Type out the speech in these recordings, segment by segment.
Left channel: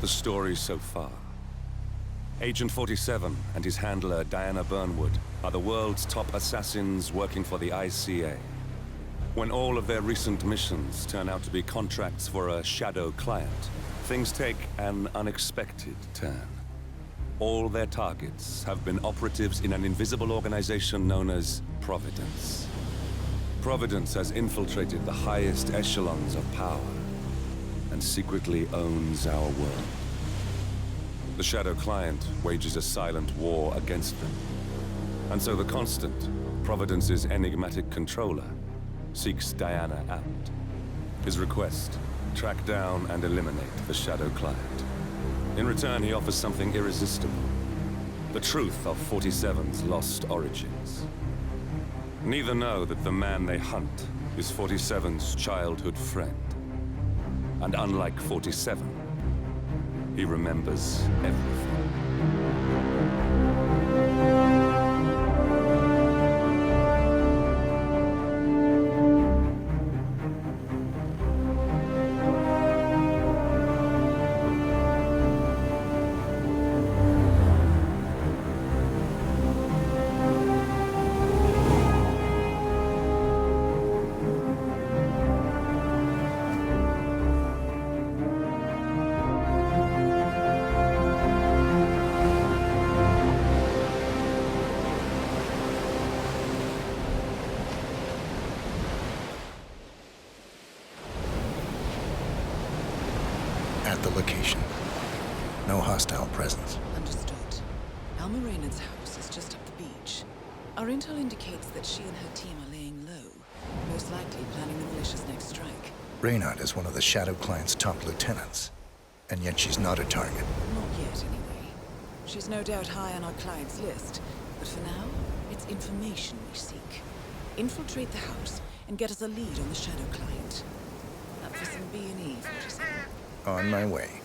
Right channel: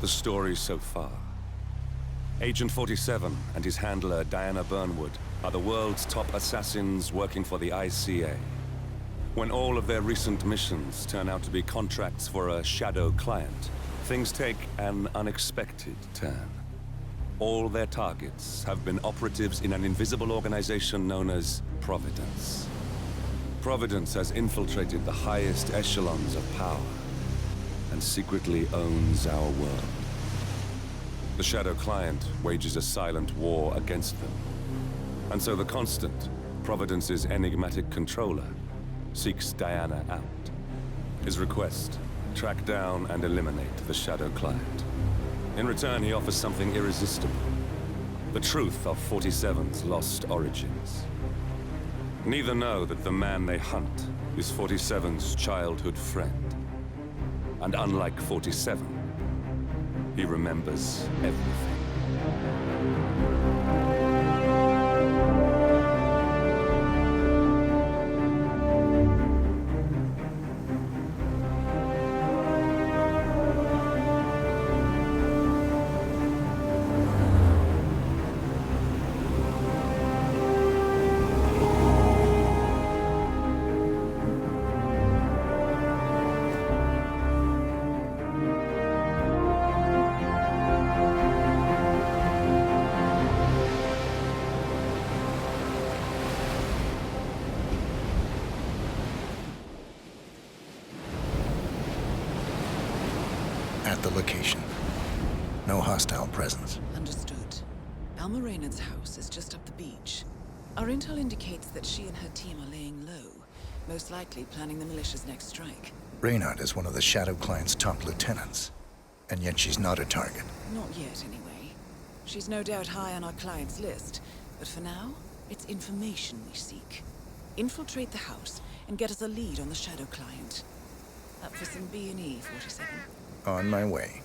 The story so far. Agent 47 and his handler Diana Burnwood are the world's top assassins working for the ICA. When all of their recent missions turn out to be contracts for a shadow client, things take an unexpected turn. All their targets have been operatives in an invisible organization known as Providence. Providence has infiltrated the highest echelons of power and secretly owns our world. The Shadow Client wages a silent war against them. And so the Constant, Providence's enigmatic controller, seeks Diana out. His request, track down and eliminate the Shadow Client. In return, he offers something irresistible. The truth of 47's lost origins. Neither know that the man they hunt is 47's childhood friend. And unlike 47, he remembers everything. At the location. No hostile presence. Understood. Alma Reynard's house is just up the beach. Our intel indicates that she and her team are laying low, most likely planning the militia's next strike. Reynard is one of the Shadow Client's top lieutenants, and yet she's not a target. Not yet, anyway. She's no doubt high on our client's list, but for now, it's information we seek. Infiltrate the house and get us a lead on the Shadow Client. Up for some B&E, 47. On my way.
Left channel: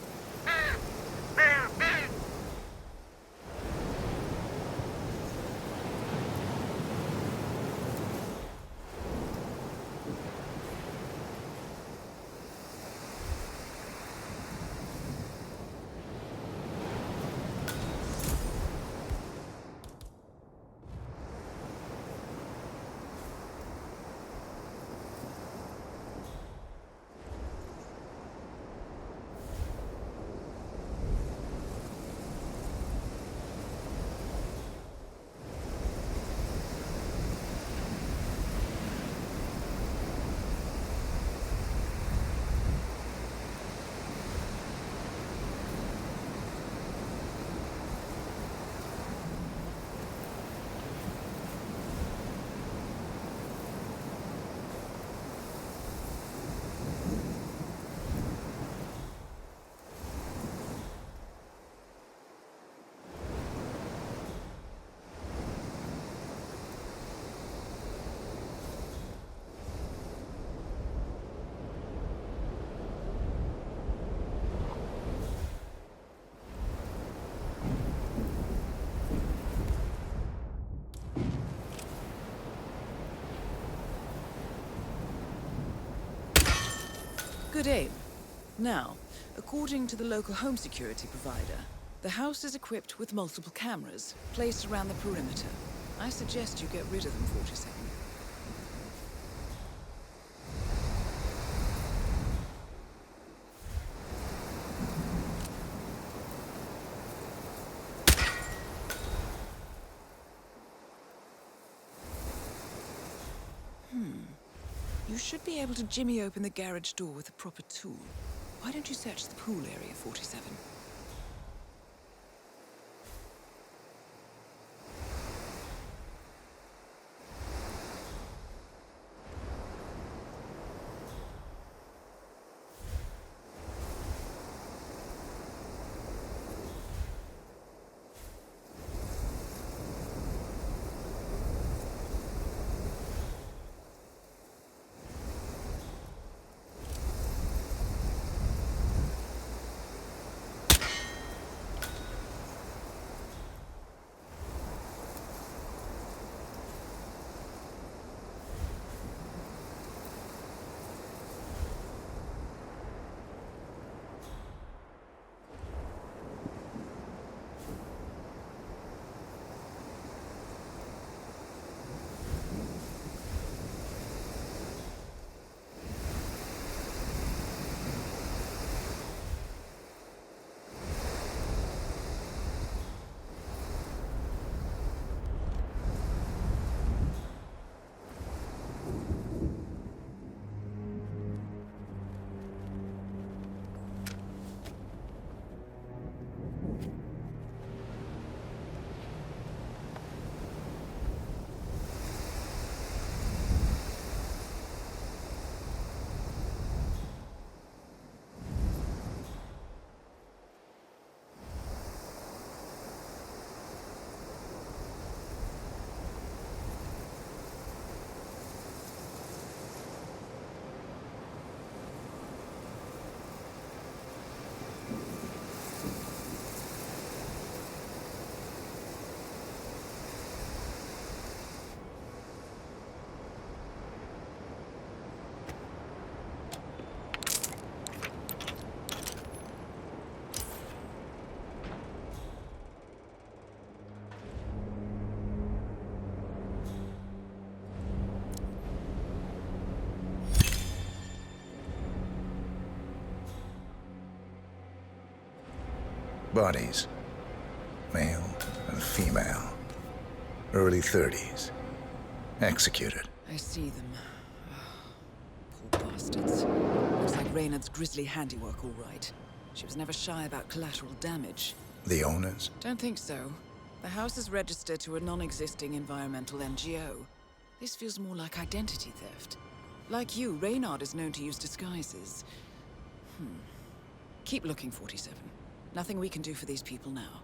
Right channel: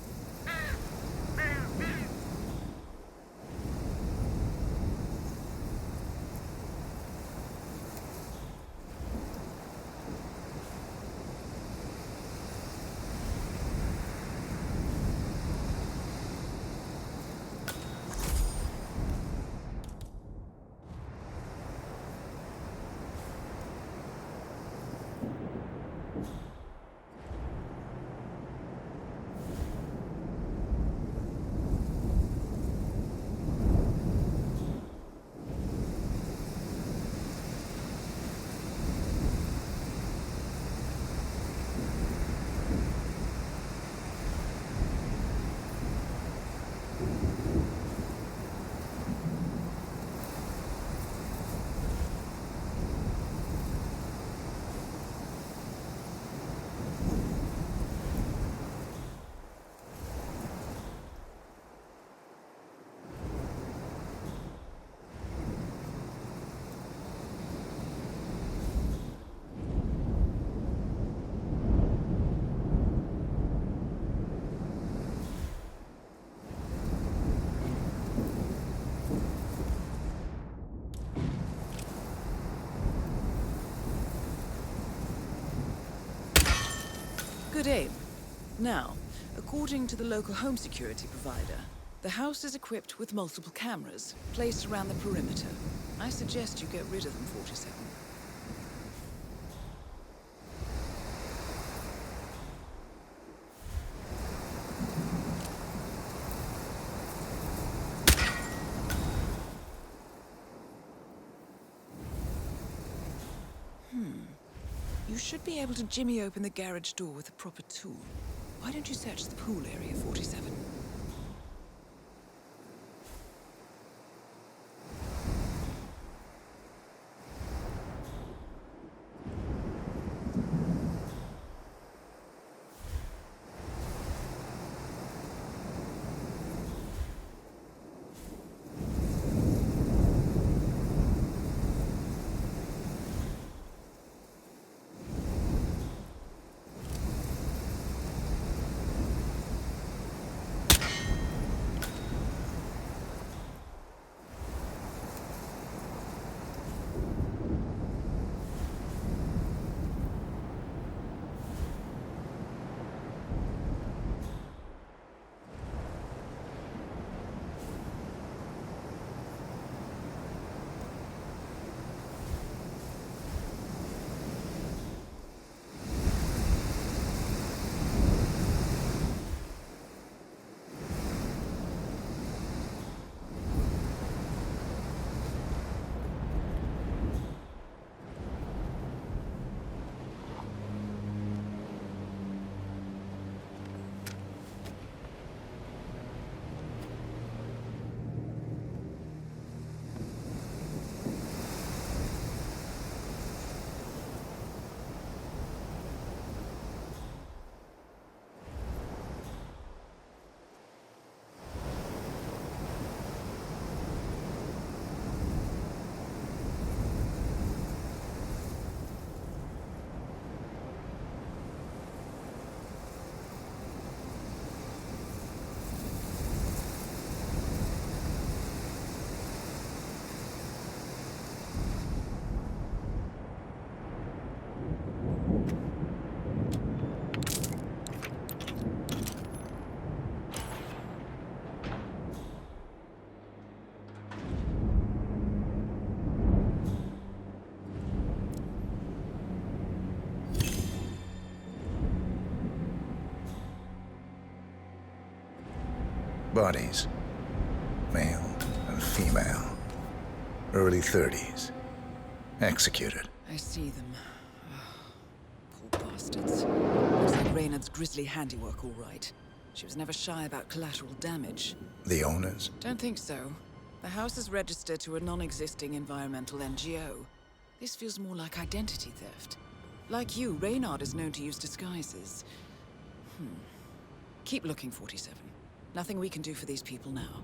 Good aim. Now, according to the local home security provider, the house is equipped with multiple cameras placed around the perimeter. I suggest you get rid of them, 47. You should be able to jimmy open the garage door with a proper tool. Why don't you search the pool area, 47? Bodies. Male and female. Early 30s. Executed. I see them. Poor bastards. Looks like Reynard's grisly handiwork, all right. She was never shy about collateral damage. The owners? Don't think so. The house is registered to a non-existing environmental NGO. This feels more like identity theft. Like you, Reynard is known to use disguises. Keep looking, 47. Nothing we can do for these people now.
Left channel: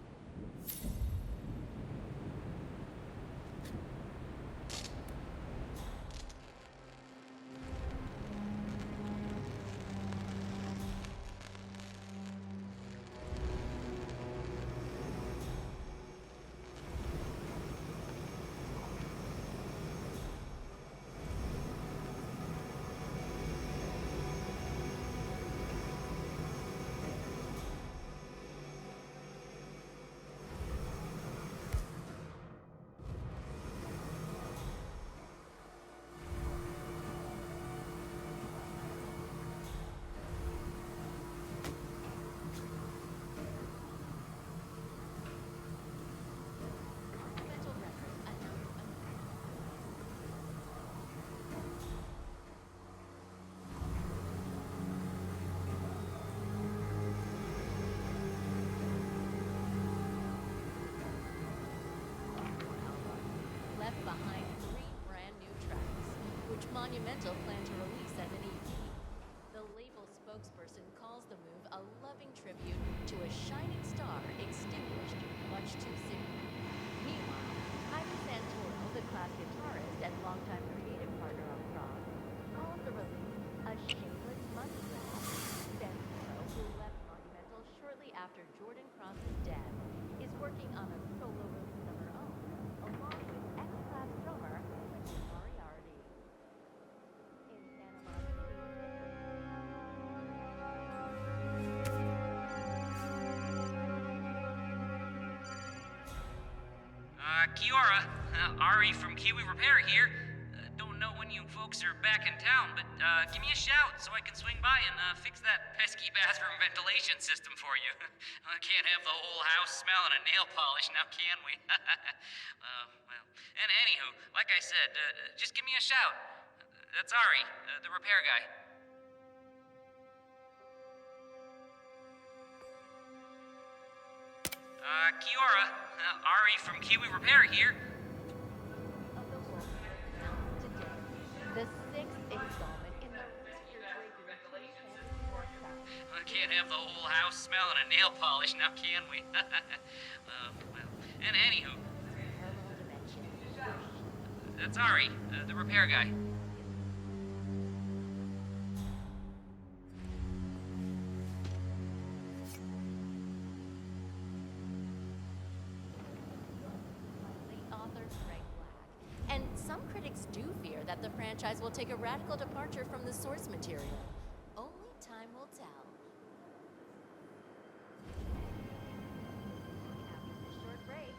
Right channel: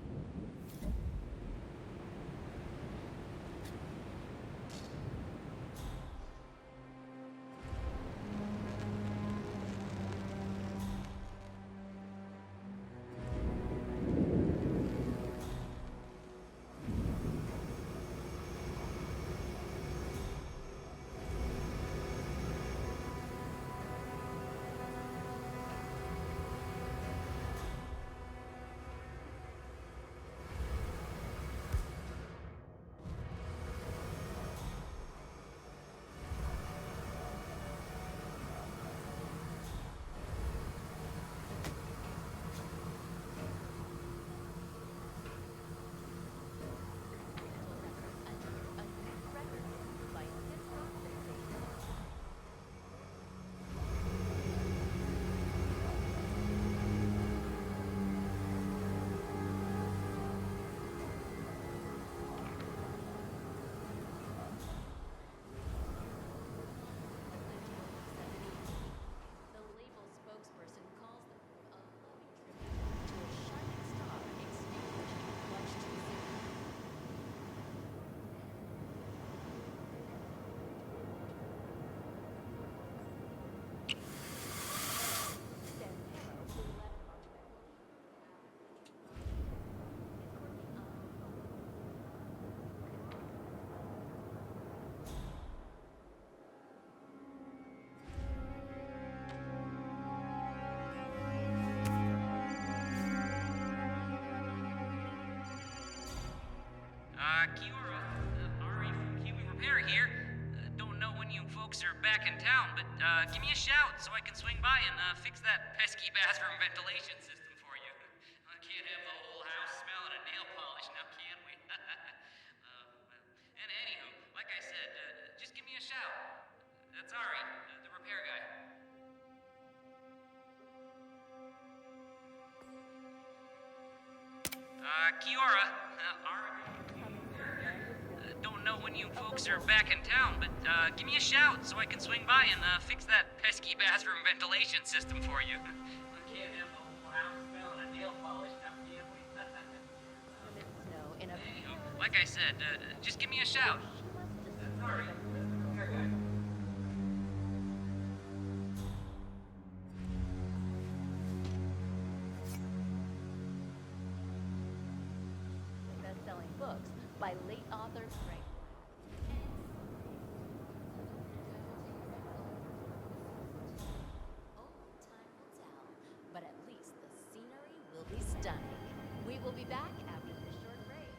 Spokesperson calls the move a loving tribute to a shining star extinguished much too soon. Meanwhile, Ivan Santoro, the class guitarist and longtime creative partner of Rock, calls the release a shame. Santoro, who left Monumental shortly after Jordan Cross's death, is working on a solo release of her own, along with ex-class drummer Moriarty. Kiora, Ari from Kiwi Repair here. Don't know when you folks are back in town, but give me a shout so I can swing by and fix that pesky bathroom ventilation system for you. I can't have the whole house smelling of nail polish now, can we? Well, and anywho, like I said, just give me a shout. That's Ari, the repair guy. Kiora, Ari from Kiwi Repair here. Don't know when you folks are back in town, but give me a shout so I can swing by and fix that pesky bathroom ventilation system for you. I can't have the whole house smelling of nail polish now, can we? Well, and anywho, like I said, just give me a shout. That's Ari, the repair guy. Best-selling books by late author Greg Black. And some critics do fear that the franchise will take a radical departure from the source material. Only time will tell, but at least the scenery will be stunning. We will be back after this short break.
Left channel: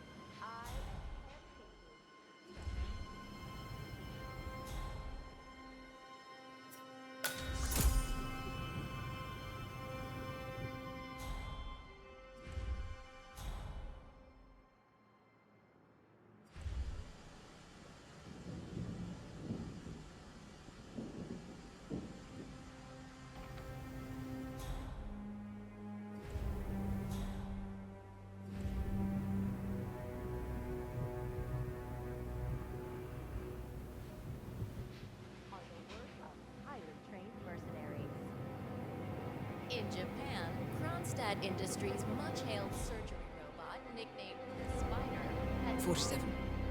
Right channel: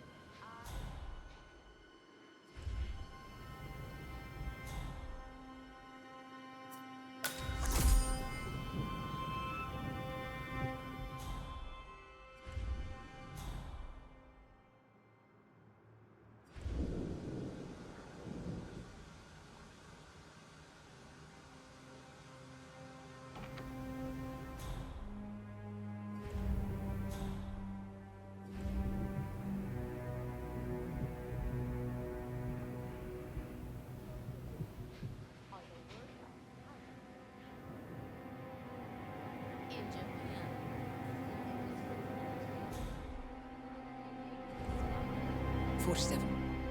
In Japan, Kronstadt Industries' much-hailed surgical robot, nicknamed the Spider, had 47.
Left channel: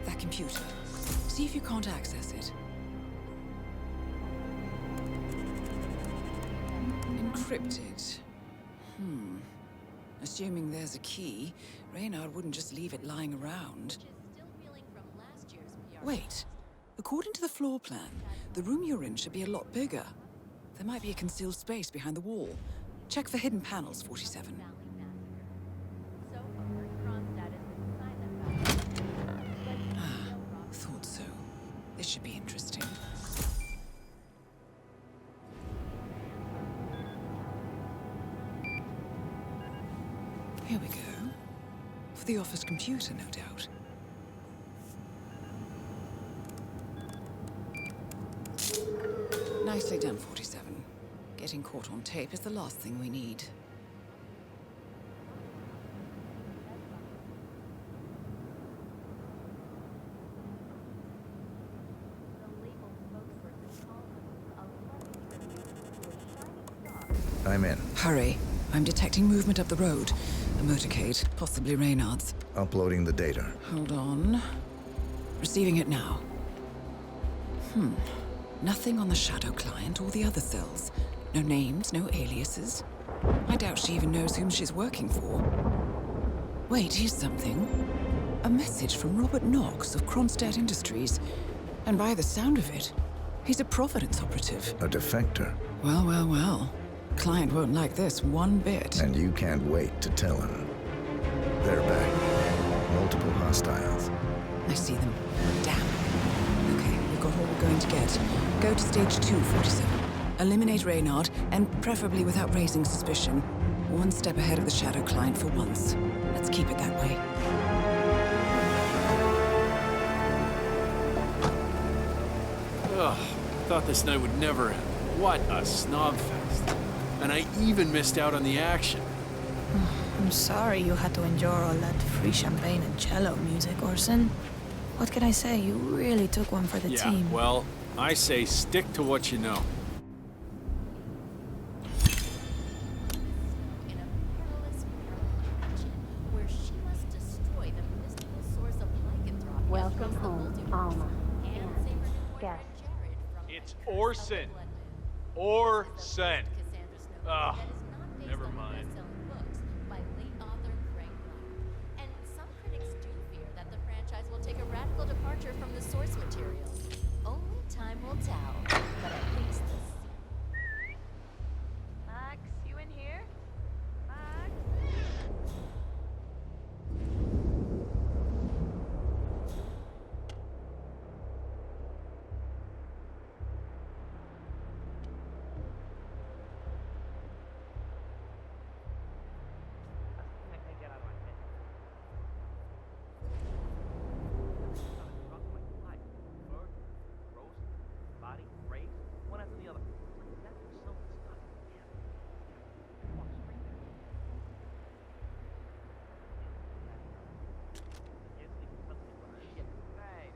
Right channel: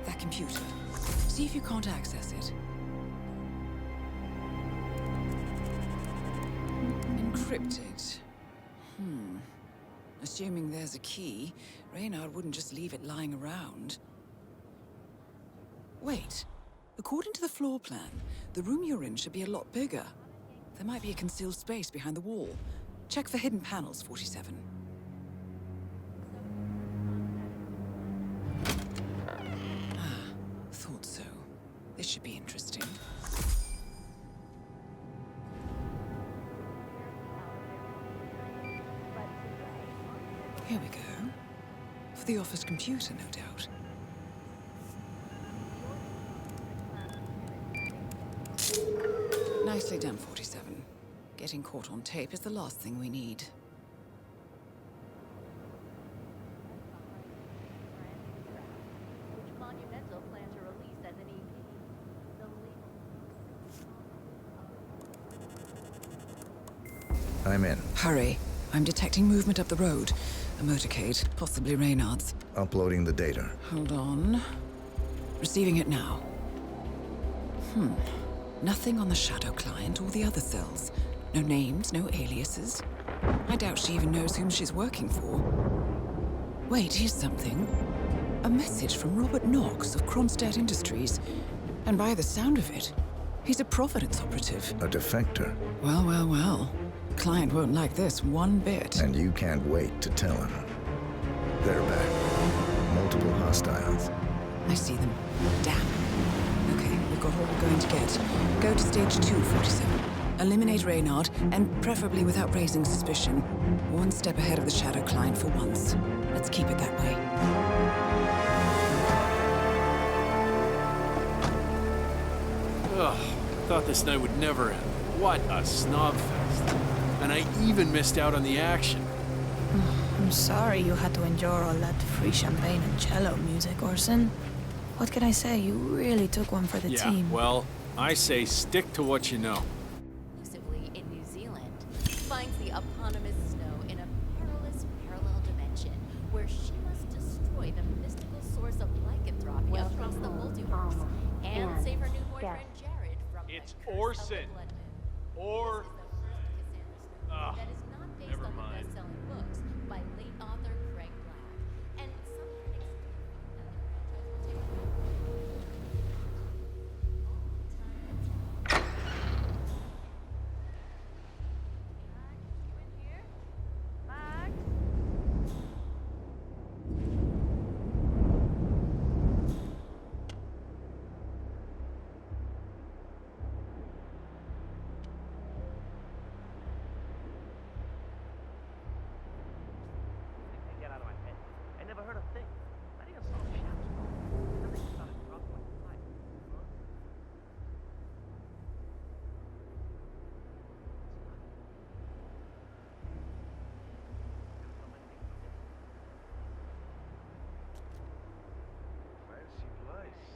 That computer. See if you can't access it. Encrypted. Assuming there's a key, Reynard wouldn't just leave it lying around. still reeling from last year's PR. Wait. According to the floor plan, the room you're in should be a lot bigger. There might be a concealed space behind the wall. Check for hidden panels, 47. So far, Kronstadt has been behind that. Thought so. This should be interesting. Here we go. the office computer, no doubt. Nicely done, 47. Getting caught on tape is the last thing we need. Monumental plan to release as an EP. The label spokesperson called I'm in. Hurry. I'm detecting movement up the road. A motorcade, possibly Reynard's. Uploading the data. Hold on. Receiving it now. Nothing on the Shadow client or the other cells. No names, no aliases. I doubt she even knows whom she's working for. Wait, here's something. A message from Robert Knox of Kronstadt Industries. And by the sound of it, he's a Providence operative. A defector. Well, well, well. Client won't like this one bit. And you can't wait to tell him. They're back. Multiple hostiles. I see them. Damn. Okay, we've got all we're going to get. Go to stage 2, 47. Eliminate Reynard, and preferably without raising suspicion. One step ahead of the Shadow client for once. Let's keep it that way. Ugh, thought this night would never end. What a snob fest. And I even missed out on the action. I'm sorry you had to endure all that free champagne and cello music, Orson. What can I say? You really took one for the Yeah, team. well, I say stick to what you know. exclusively in New Zealand, finds the eponymous Snow in a perilous parallel dimension where she must destroy the mystical source of lycanthropy across the multiverse and save her new boyfriend Jared from It's the curse of the Orson. Blood Moon. Orson. This is the legend of Cassandra Snow Ugh, that is not based never on the mind. best-selling books by late author Craig Black. And some critics do fear that the franchise will take a radical departure from the source material. Only time will tell. But at least Max, you in here? Max? Get out of my head. I never heard a thing. I think I'm so shit. Everything started dropping like flies. Murder, rose, body, rape, one after the other. That's so stuck.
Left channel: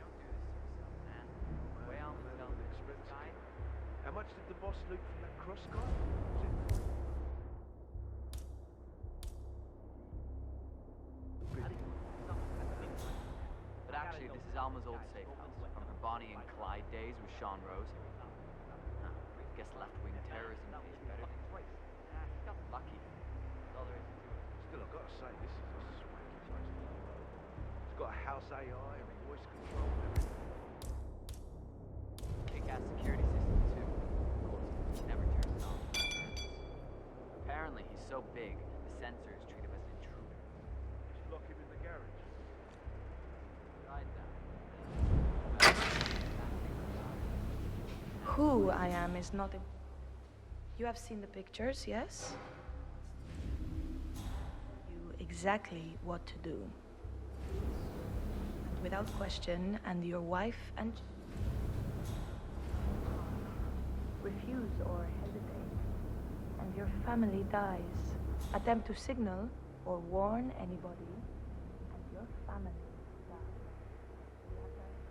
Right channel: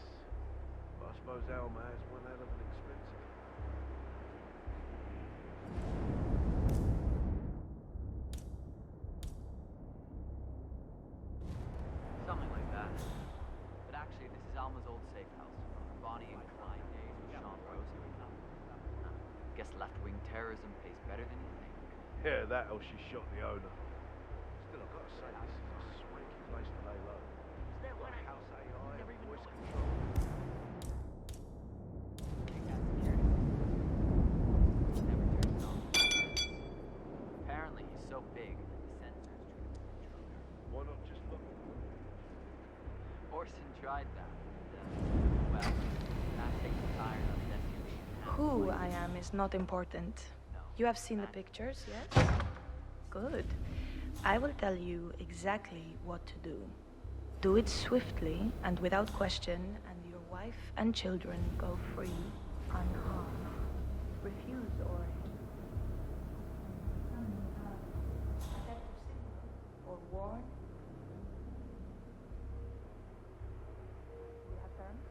I suppose Alma has one out of an expensive. How much did the boss do for the cross cost? Something like that. But actually, this is Alma's old safe house from her Bonnie and Clyde days with Sean Rose. Huh. Guess left-wing terrorism pays better than you. Yeah, that or she shot the owner. Still, I've got to say, this is a swanky place to lay low. It's got a house AI and voice control. Big-ass security system, too. Never turns it on. Apparently, he's so big, the sensors treat him as an intruder. Why not just lock him in the garage? Orson tried that. Well, that takes the iron of destiny. Who I am is not important. You have seen the pictures, yes? Good. I will tell you exactly what to do. Do it swiftly and without question, and your wife and children go free, unharmed. Refuse or hesitate, and your family dies. Attempt to signal or warn anybody, and your family dies. We have terms?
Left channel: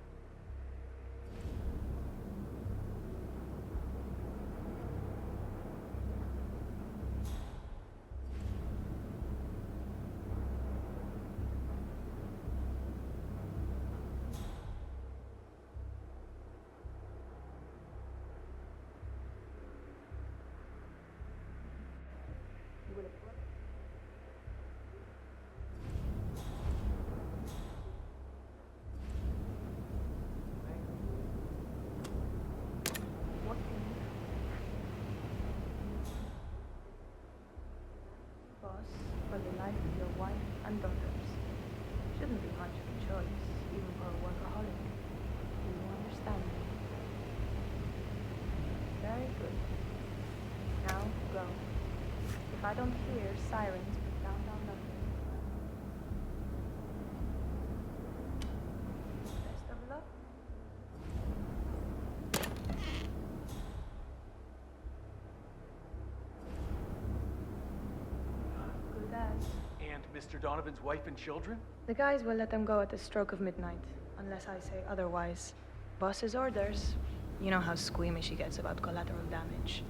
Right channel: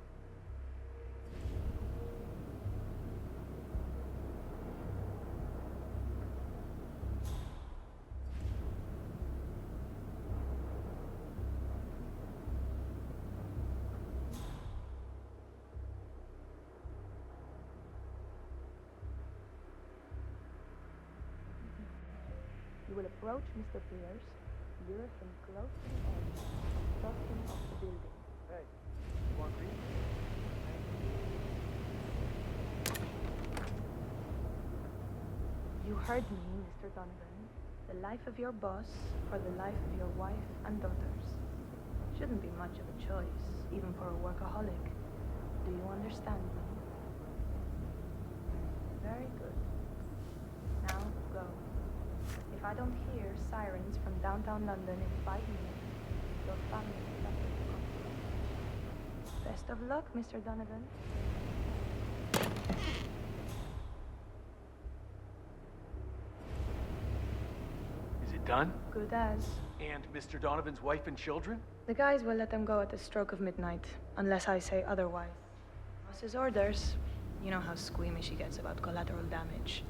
You will approach Mr. Pierce, lure him close, You heard me, Mr. Duncan. The life of your boss for the life of your wife and daughters. Shouldn't be much of a choice, even for a workaholic. Do you understand me? Very good. Now, go. If I don't hear sirens from downtown London in 5 minutes, your family of luck, Mr. Donovan. Is it done? Good as. And Mr. Donovan's wife and children? The guys will let them go at the stroke of midnight, unless I say otherwise. Boss's orders. You know how squeamish he gets about collateral damage.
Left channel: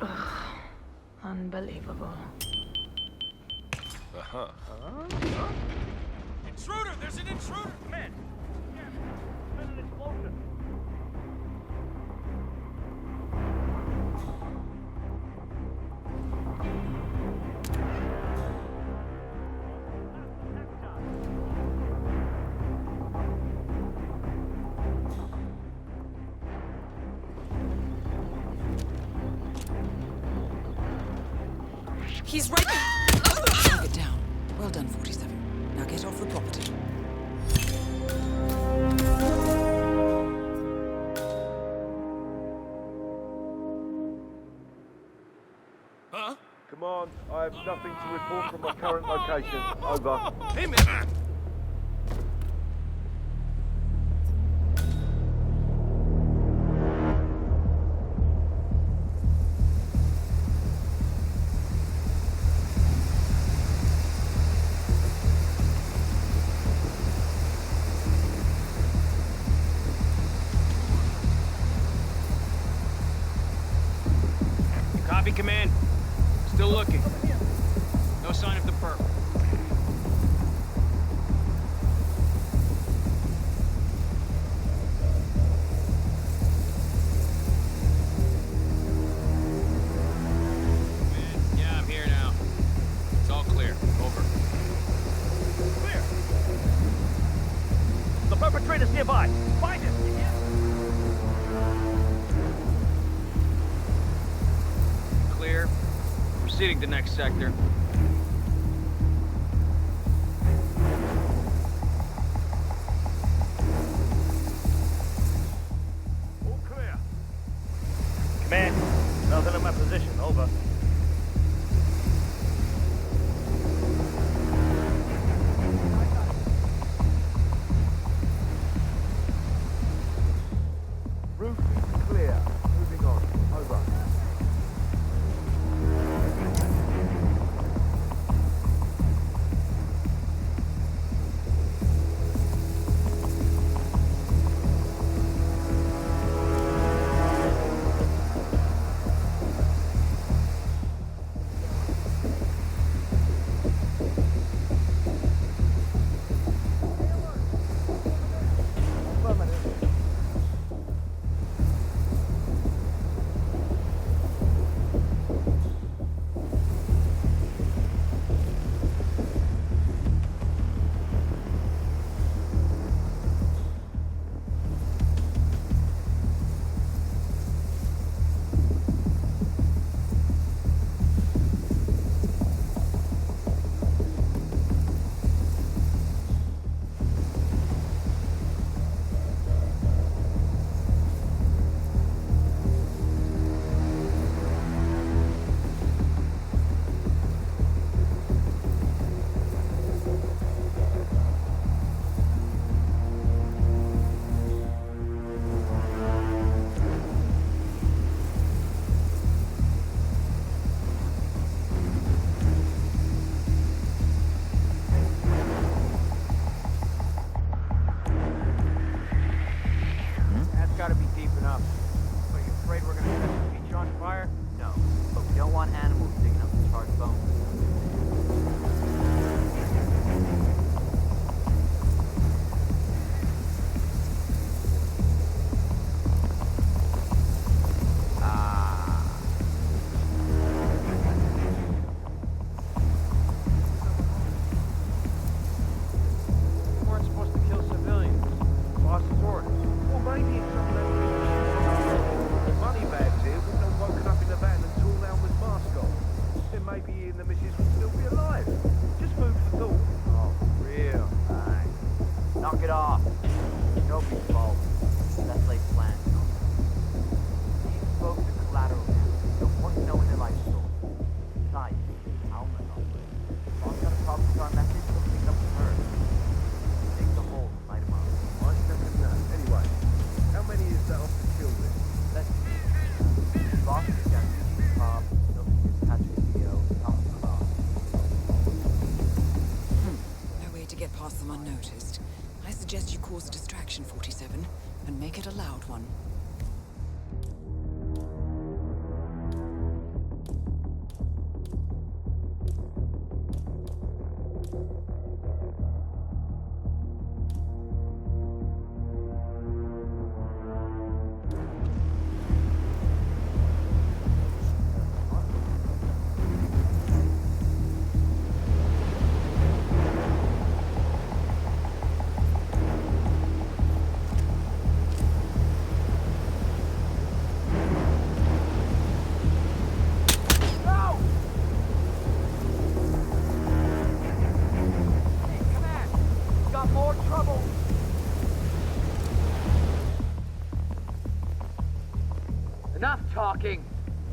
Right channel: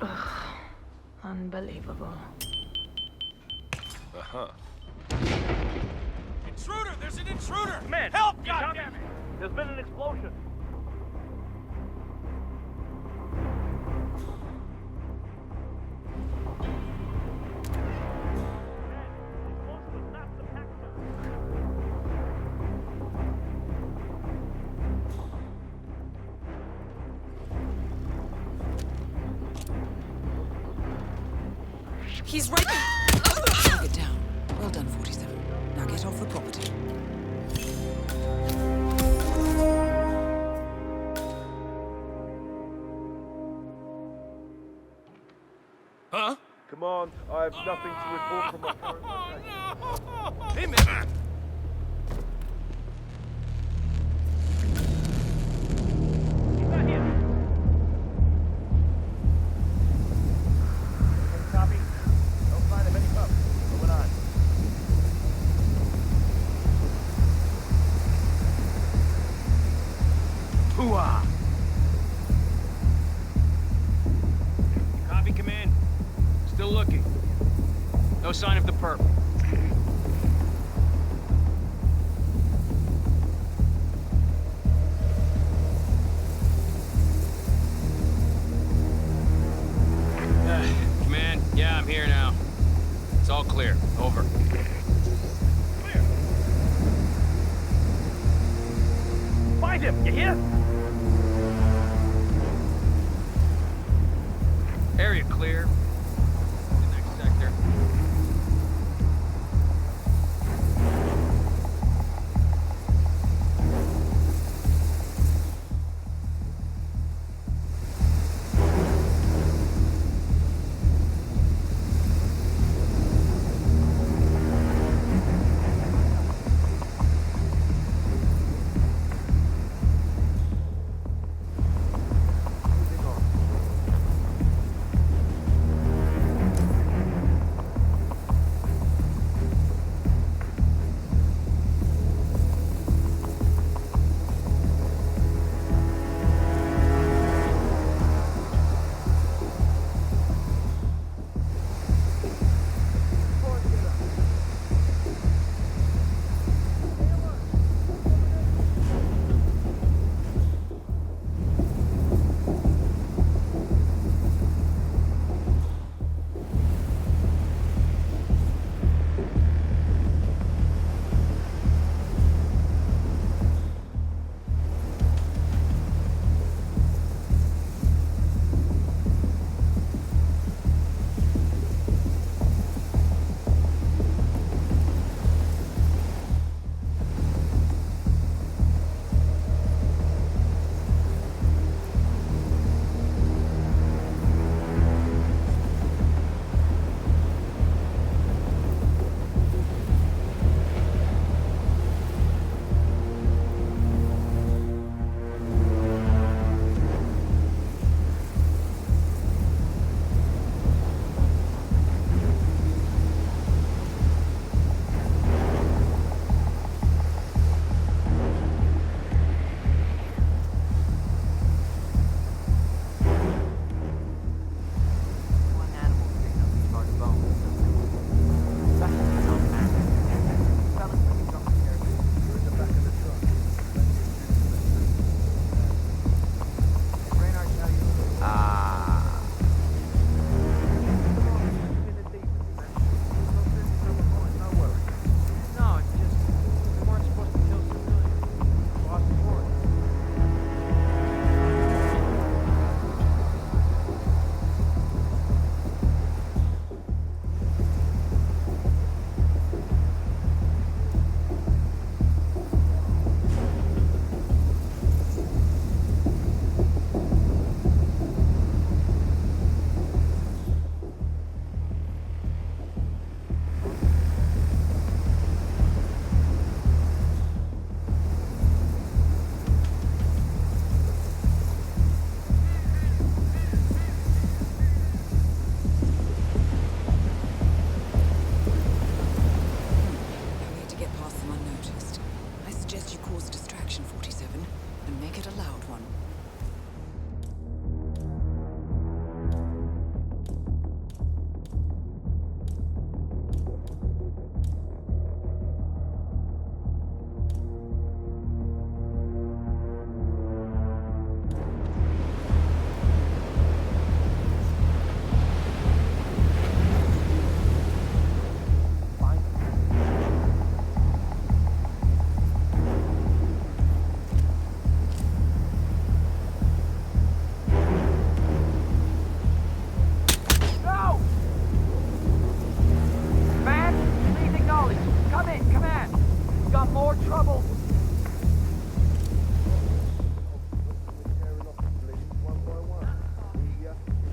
Ugh, unbelievable. Uh-huh. Intruder! There's an intruder! Man, Help! God damn it! there's been an explosion. He's right there! Target down. Well done, 47. Now get off the property. Huh? Command, I have nothing to report from my current location. Over. Hey, man! Copy, Command. Still looking. No sign of the perp. Command, yeah, I'm here now. It's all clear. Over. Clear. The perpetrator's nearby. Find him, you hear? Area clear. Proceeding to next sector. All clear. Man, tell them in my position. Over. Roof clear. Moving on. Over. make it a loud one.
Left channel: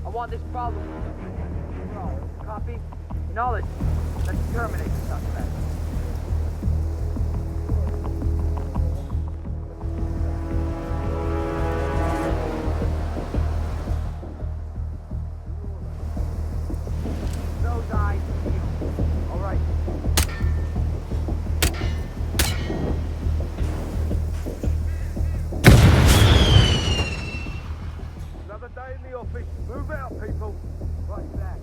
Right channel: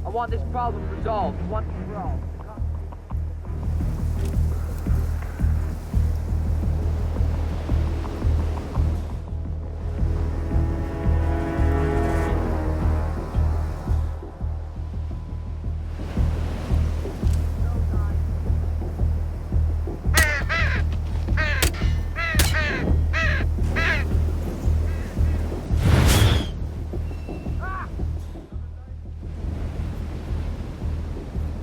I want this problem resolved once and for all. Copy? Acknowledge. Let's terminate this affair. Those eyes. All right. Another day in the office. Move out, people. Right there.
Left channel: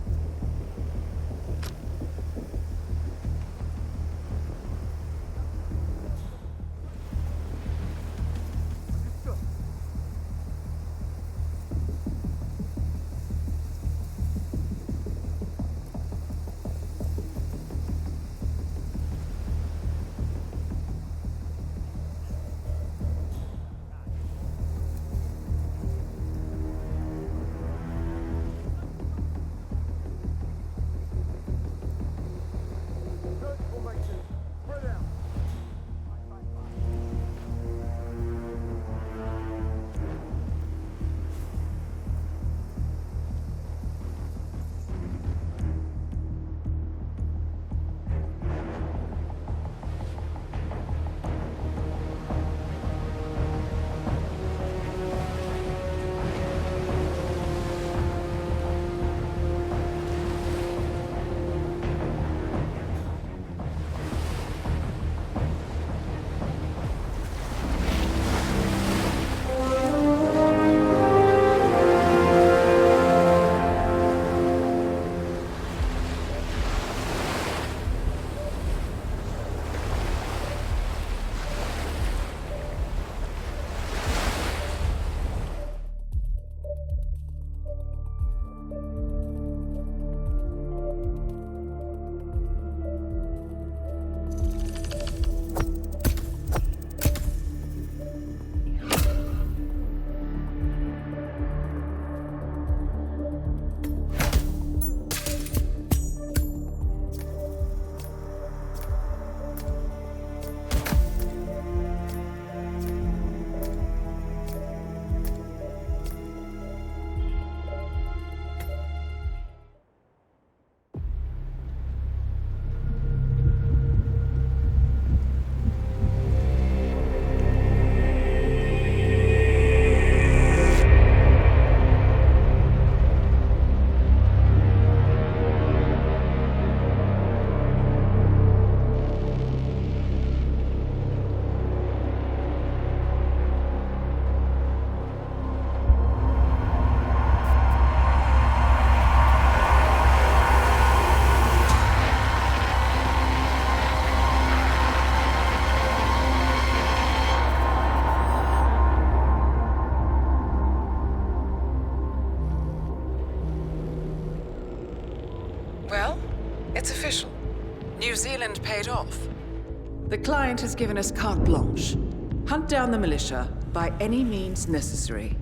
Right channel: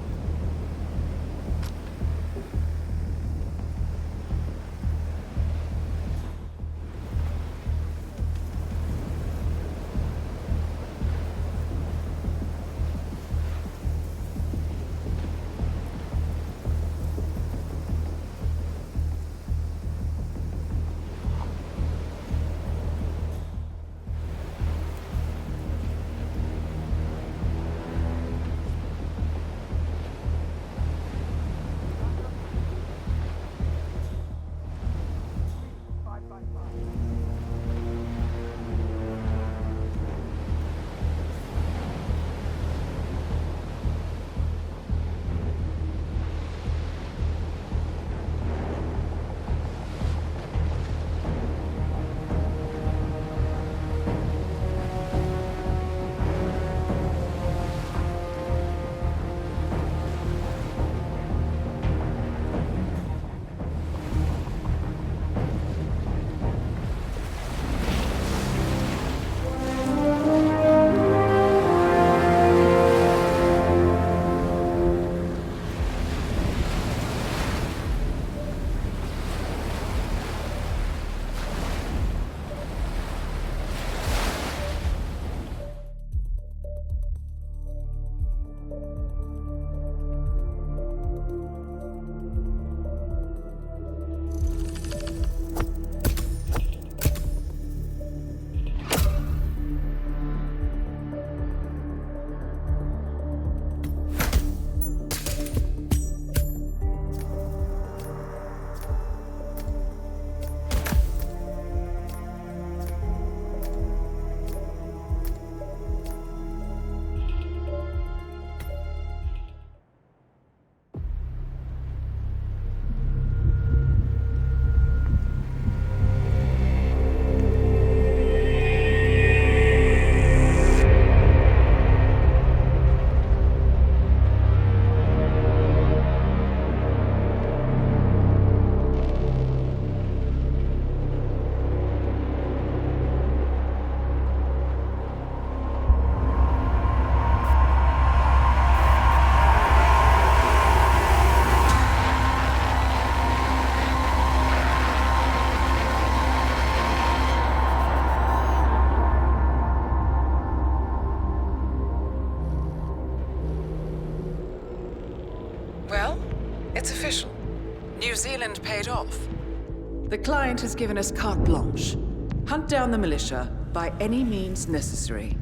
Well, it's official. New Zealand paid off. The client has given us carte blanche. Hunt down the militia by any means necessary.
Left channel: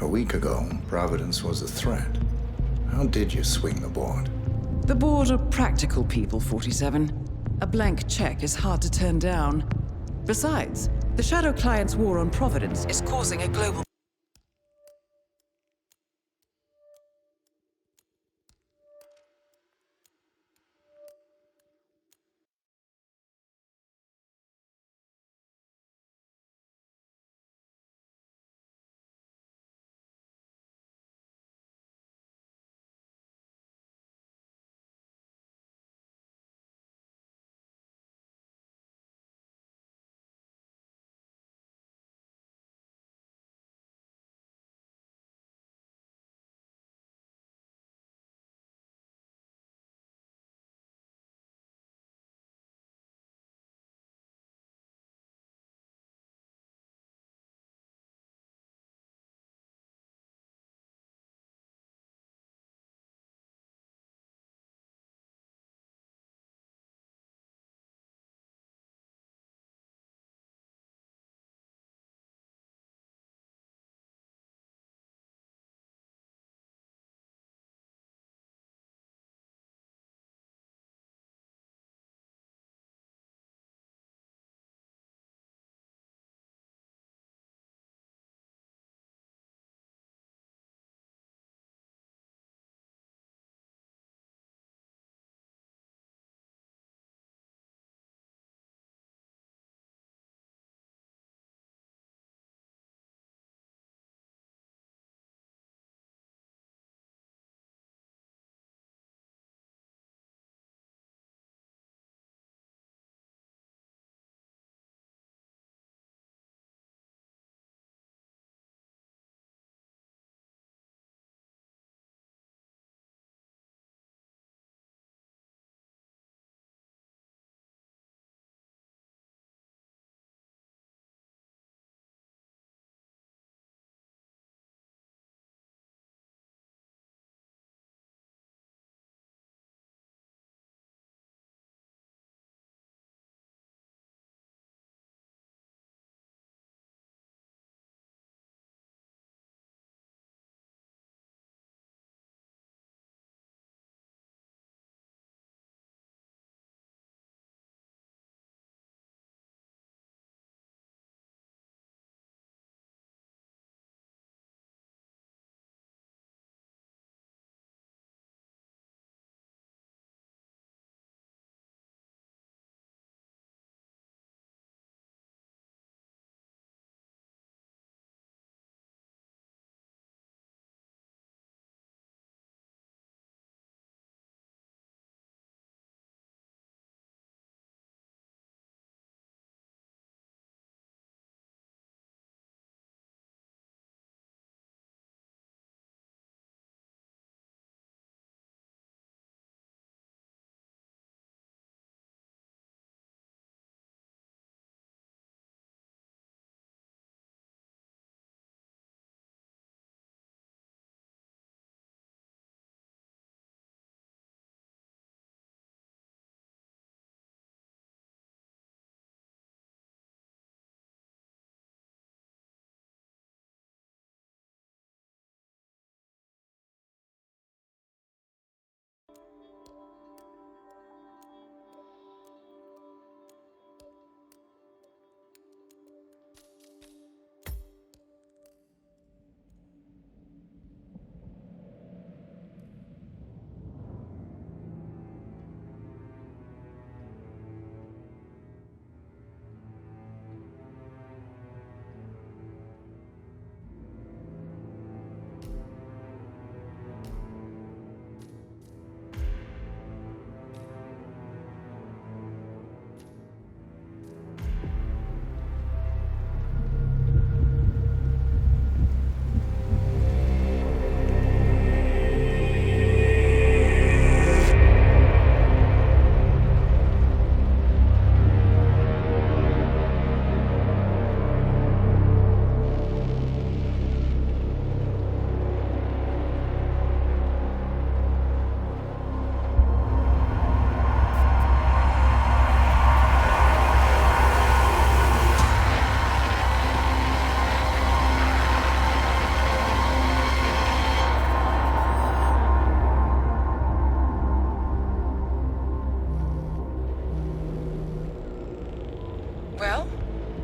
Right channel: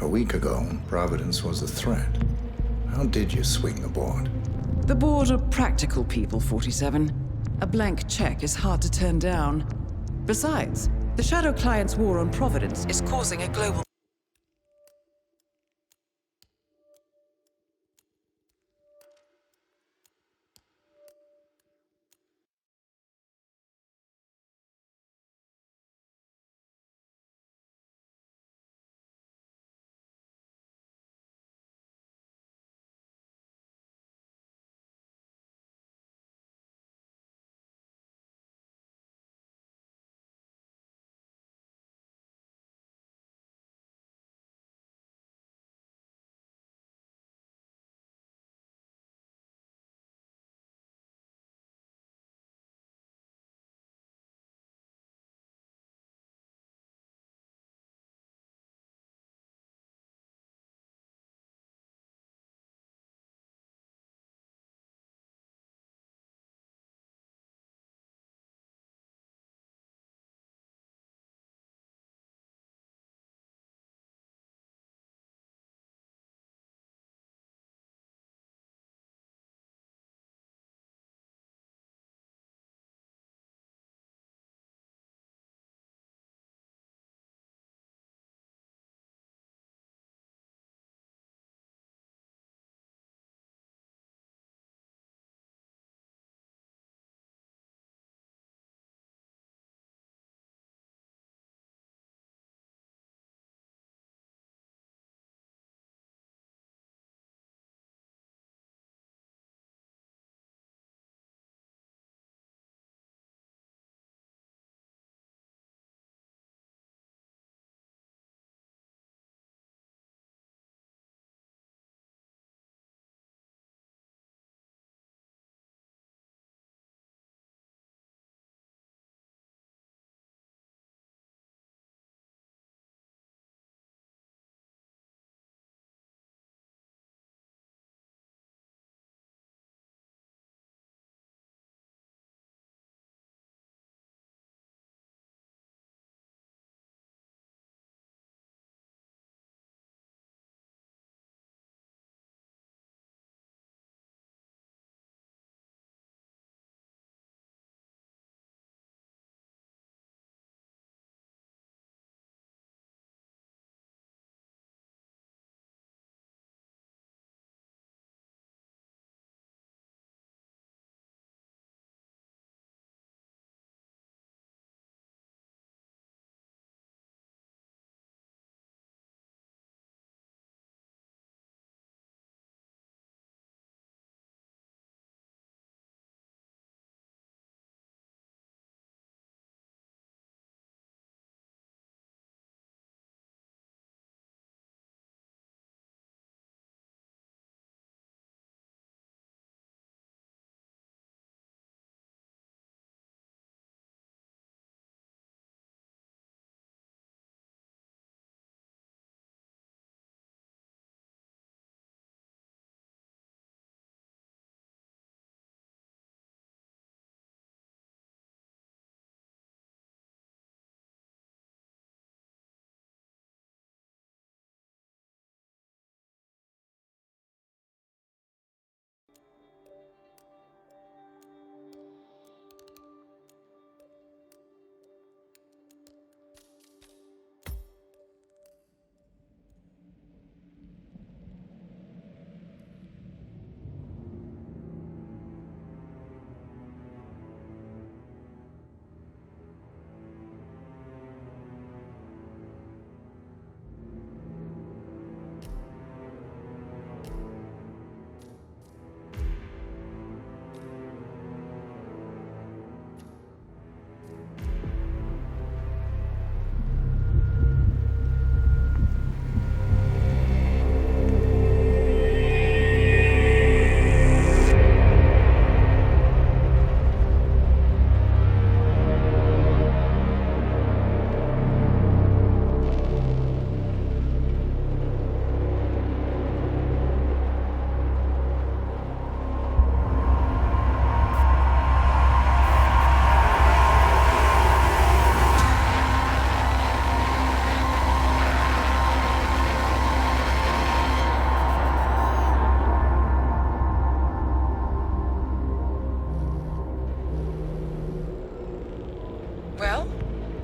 A week ago, Providence was a threat. How did you swing the board? The board are practical people, 47. A blank check is hard to turn down. Besides, the Shadow Client's war on Providence is causing a global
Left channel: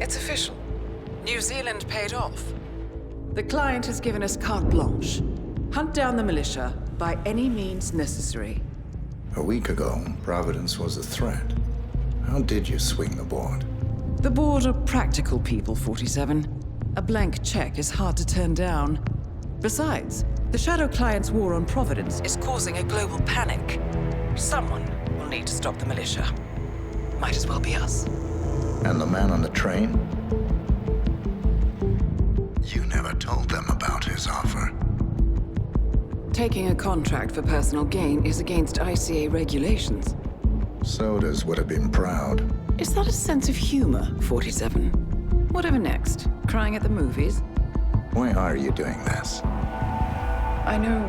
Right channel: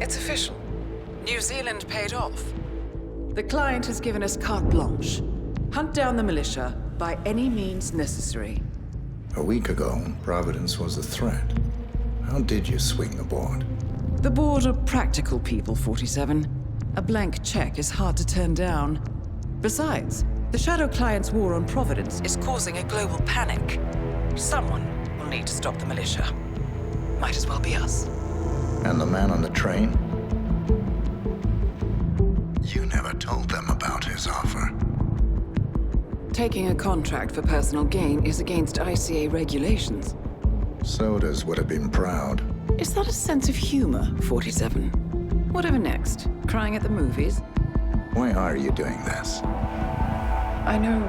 it's official. New Zealand paid off. The client has given us carte blanche. Hunt down the militia by any means necessary. A week ago, Providence was a threat. How did you swing the board? The board are practical people, 47. A blank check is hard to turn down. Besides, the Shadow Client's war on Providence is causing a global panic. Someone will need to stop the militia. Might as well be us. And the man on the train? You never told them about his offer. Taking a contract for personal gain is against ICA regulations. Sodas would have been proud. Is that a sense of humor, 47? Whatever next? Crying at the movies? Why are you doing this? I know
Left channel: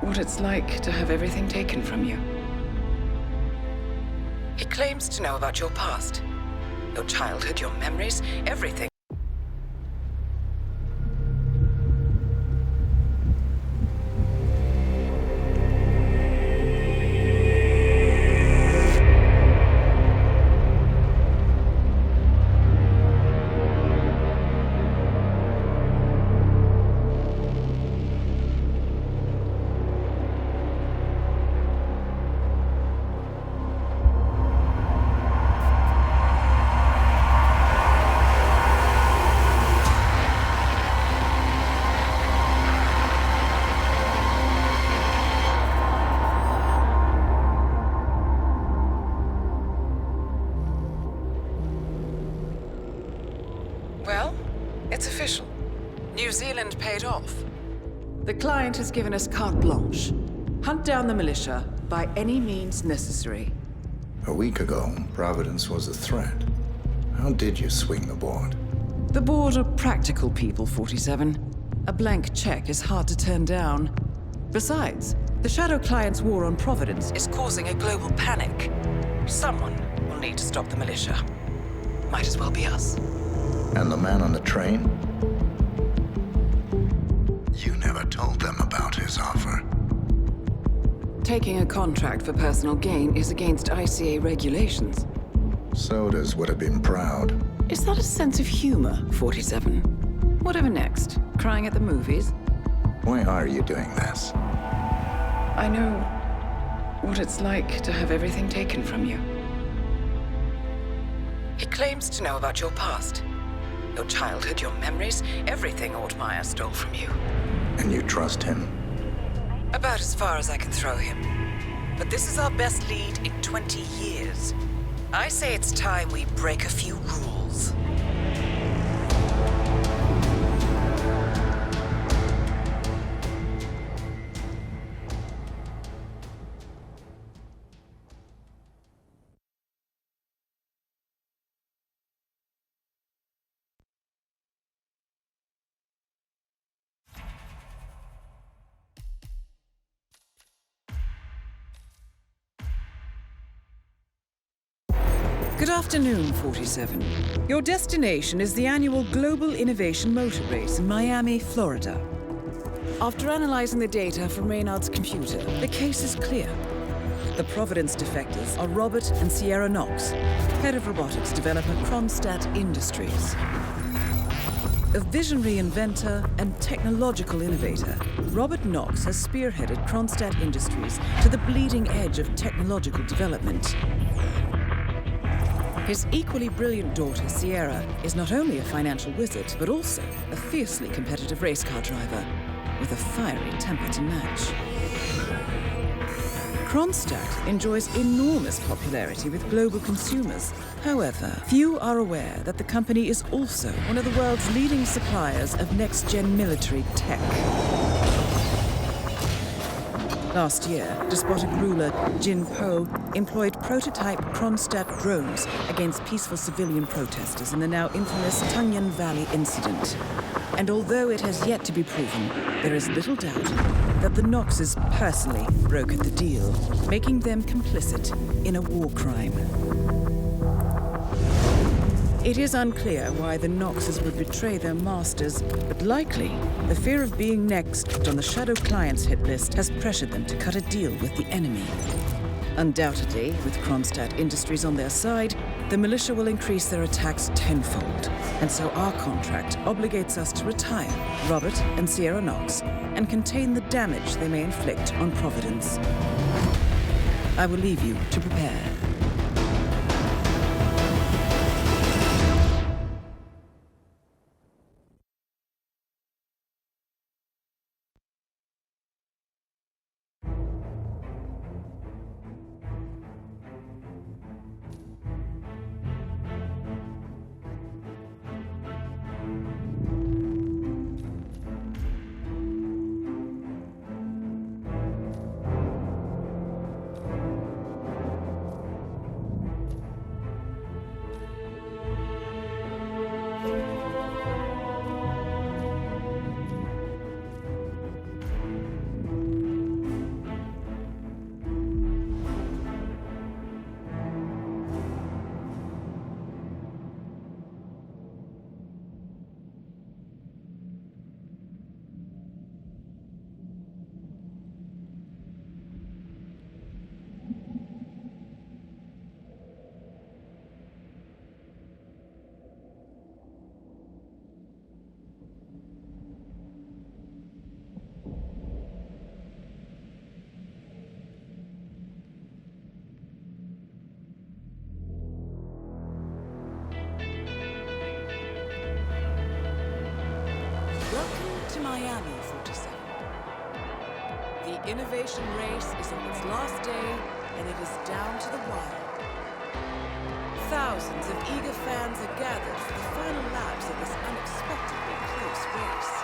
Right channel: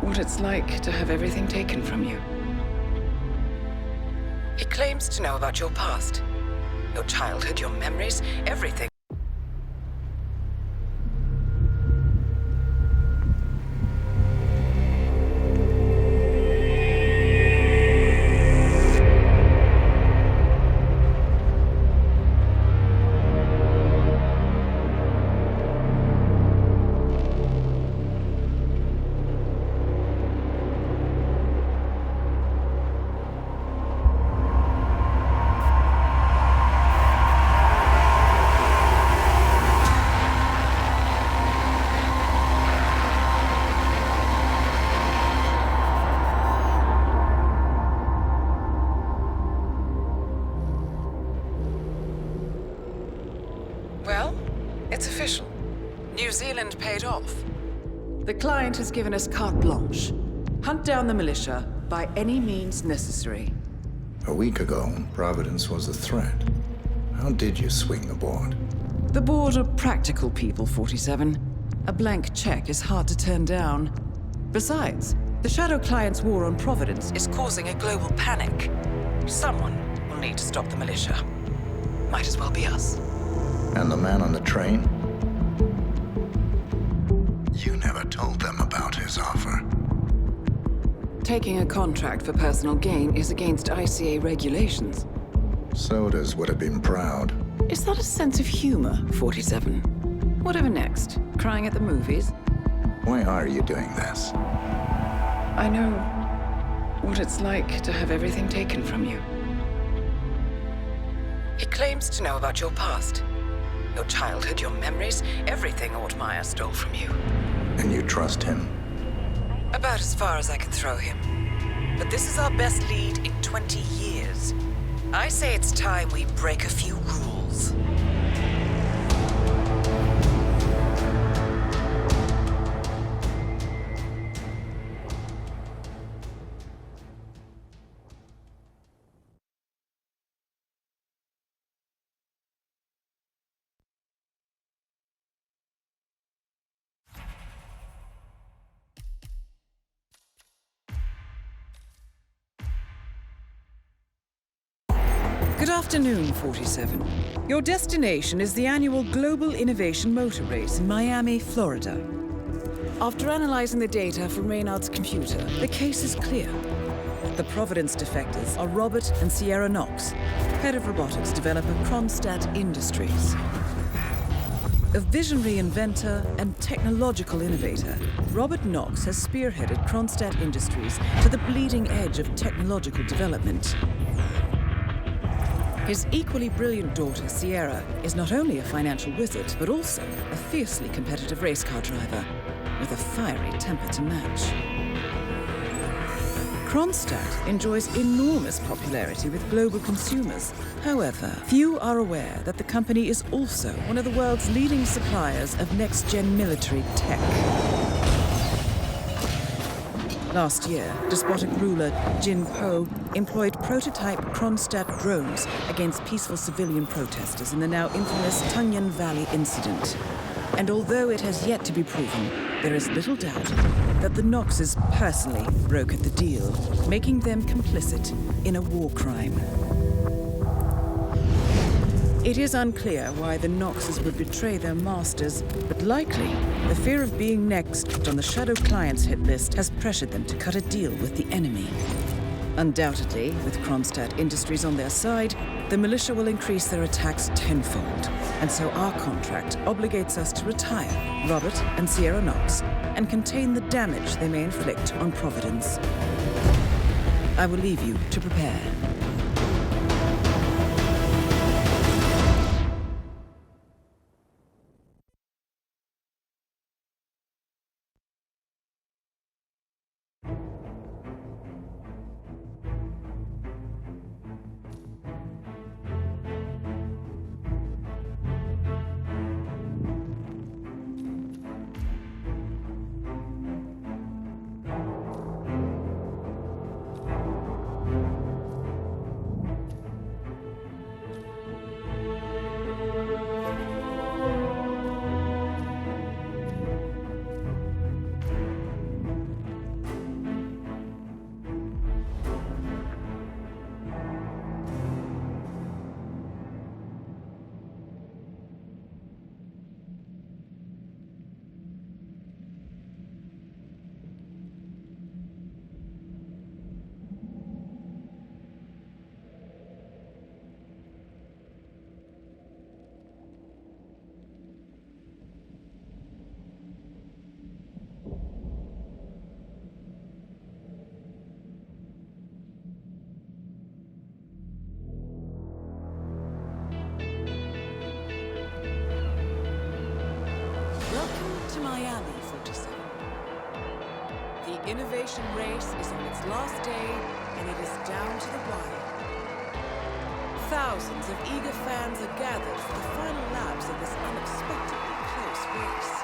what it's like to have everything taken from you. He claims to know about your past, your childhood, your memories, everything. Well, it's official. New Zealand paid off. The client has given us carte blanche. Hunt down the militia by any means necessary. A week ago, Providence was a threat. How did you swing the board? The board are practical people, 47. A blank check is hard to turn down. Besides, the Shadow Client's war on Providence is causing a global panic. Someone will need to stop the militia. Might as well be us. And the man on the train? You never told them about his offer. Taking a contract for personal gain is against ICA regulations. Sodas would have been proud. Is that a sense of humor, 47? Whatever next? Crying at the movies? Why are you doing this? I know what it's like to have everything taken from you. He claims to know about your past. Your childhood, your memories, everything Ortmeyer stole from you. And you trust him? About as far as I can throw him. But this is our best lead in 20 years. I say it's time we break a few rules. Good afternoon, 47. Your destination is the annual Global Innovation Motor Race in Miami, Florida. After analyzing the data from Reynard's computer, the case is clear. The Providence defectors are Robert and Sierra Knox, head of robotics developer Kronstadt Industries. A visionary inventor and technological innovator, Robert Knox has spearheaded Kronstadt Industries to the bleeding edge of technological development. His equally brilliant daughter, Sierra, is not only a financial wizard, but also a fiercely competitive race car driver, with a fiery temper to match. Kronstadt enjoys enormous popularity with global consumers. However, few are aware that the company is also one of the world's leading suppliers of next-gen military tech. Last year, despotic ruler Jin Po employed prototype Kronstadt drones against peaceful civilian protesters in the now infamous Tunyon Valley incident. And although it has yet to be proven, there is little doubt that the Knoxes personally brokered the deal, making them complicit in a war crime. It is unclear why the Knoxes would betray their masters, but likely the fear of being next on the Shadow Client's hit list has pressured them to cut a deal with the enemy. Undoubtedly, with Kronstadt Industries on their side, the the militia will increase their attacks tenfold, and so our contract obligates us to retire Robert and Sierra Knox and contain the damage they may inflict on Providence. I will leave you to prepare. Welcome to Miami, 47. The innovation race is on its last day, and it is down to the wire. Thousands of eager fans are gathered for the final laps of this unexpectedly close race.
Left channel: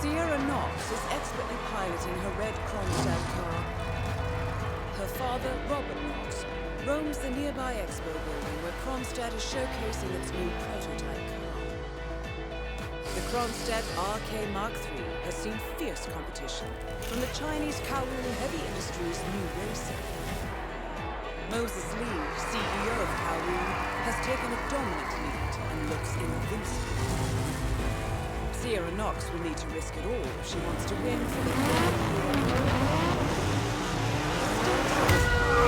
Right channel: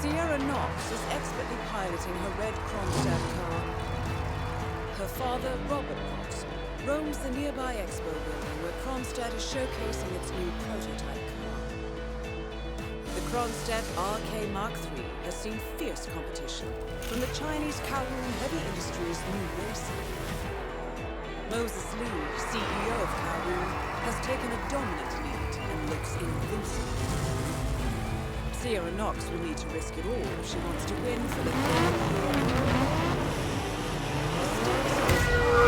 Sierra Knox is expertly piloting her red Kronstadt car. Her father, Robert Knox, roams the nearby expo building where Kronstadt is showcasing its new prototype car. The Kronstadt RK Mark III has seen fierce competition from the Chinese Kowloon Heavy Industries' new racing. Moses Lee, CEO of Kowloon, has taken a dominant lead and looks invincible. Sierra Knox will need to risk it all if she wants to win for the third year in a row. The stakes are as high.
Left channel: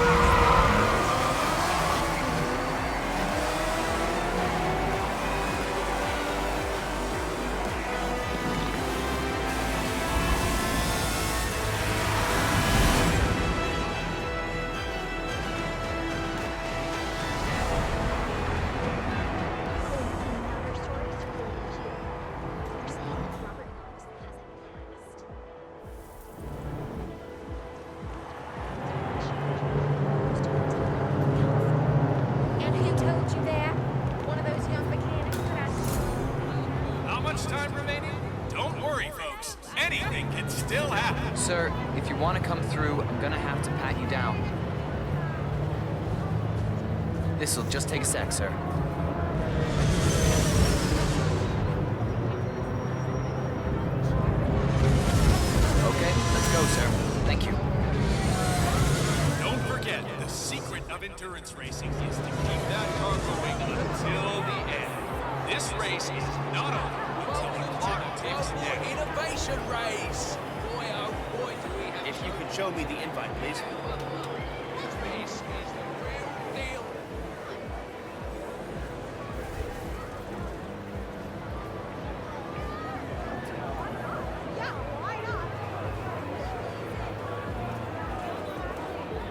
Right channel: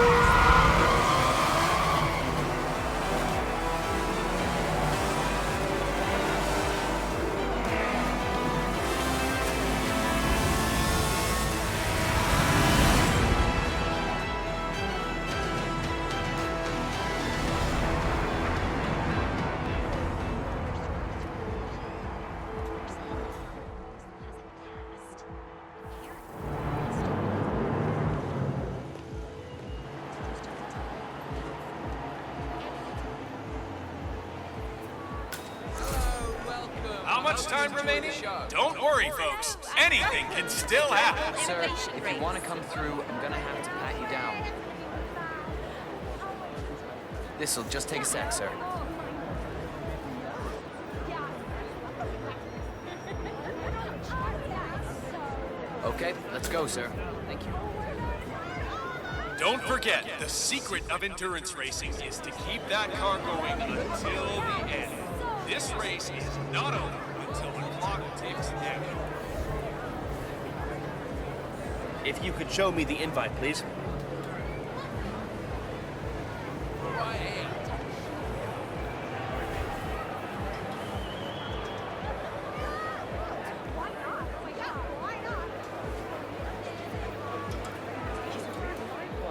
How much time remaining? Don't worry, folks. Anything can still happen. Sir, if you want to come through, I'm gonna have to pat you down. This'll just take a sec, sir. Okay, let's go, sir. Thank you. Don't forget, the secret of endurance racing is to keep that car going until the end. This race is not over until the clock ticks down. Innovation race! If you could show me the invite, please.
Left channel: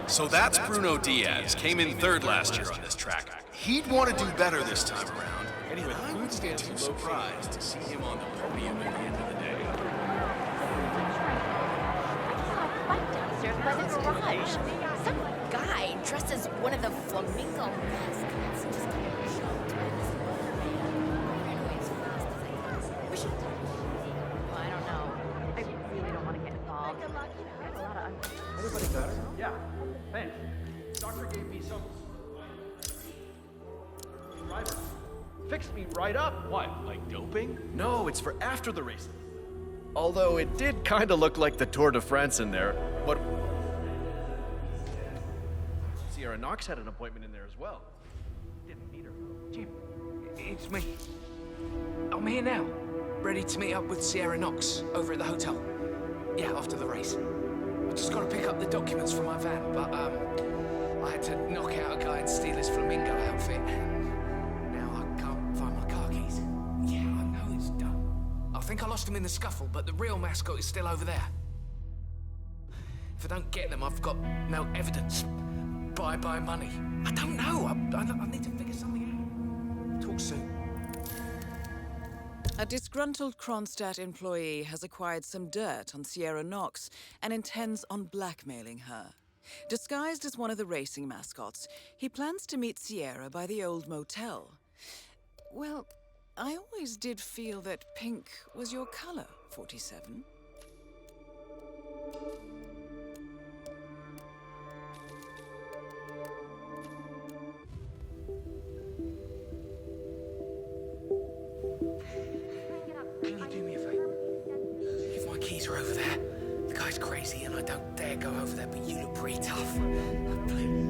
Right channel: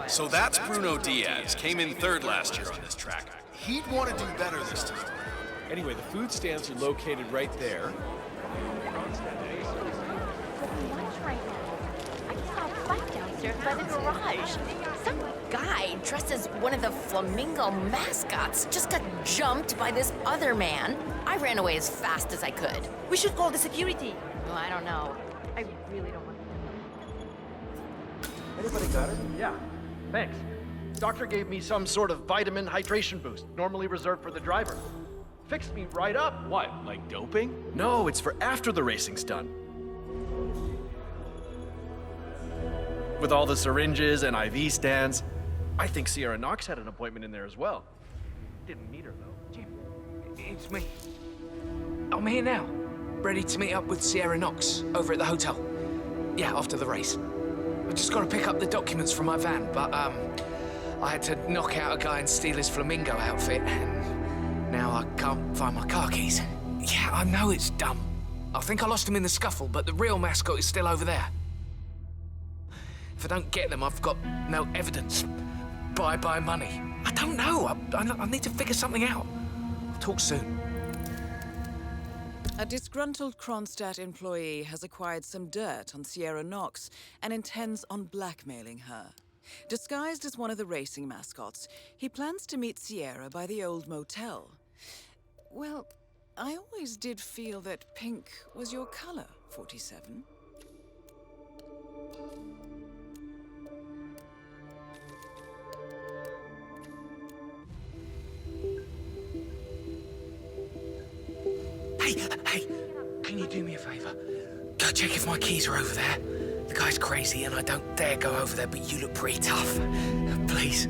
So that's Bruno Diaz. Came in third last year on this track. He'd want to do better this time around. Anyway, the food stands are located right there. I saw a bike downstairs by the garage. Some guy dressed as one of the flamingo mascots just got jumped by this other man. I ran away as fast as I could. We should call the security. Well, I don't know. I really don't want to get involved. Anybody got her? Yeah, thanks. Doctor gave me some sort of vitamin hydration boost, normally reserved for the driver. Fixed me right up. What, like doping? No, it's for after the racing's done. Although it did kind of look like the Tour de France in there, what with all the syringes and IV stands. I think Sierra Knox had an appointment in there as well. Didn't meet her, though. Jim, it's me. I'm here now, ready to meet up with Sierra Knox over at the hotel. Yeah, after the race. I just got to pick up the documents from my van, but I had to knock out a guy and steal his flamingo outfit, and now I can't find my car keys. Yeah, I know it's dumb. I think I lost them in the scuffle, but the real mascot is still over there. If I don't get them, I've got no evidence. Bye-bye money. I don't know. I need to figure something out. Talk soon. A disgruntled Kronstadt employee has acquired some dirt on Sierra Knox and intends on blackmailing her. Disguised as one of the racing mascots, he plans to meet Sierra by the old motel. Well, I always did feel that pink was your color, 47. Hey, can you do me a favor? Go check if my keys are over there. The guy's crazy and I don't dare go over there, but you look pretty tough. Please.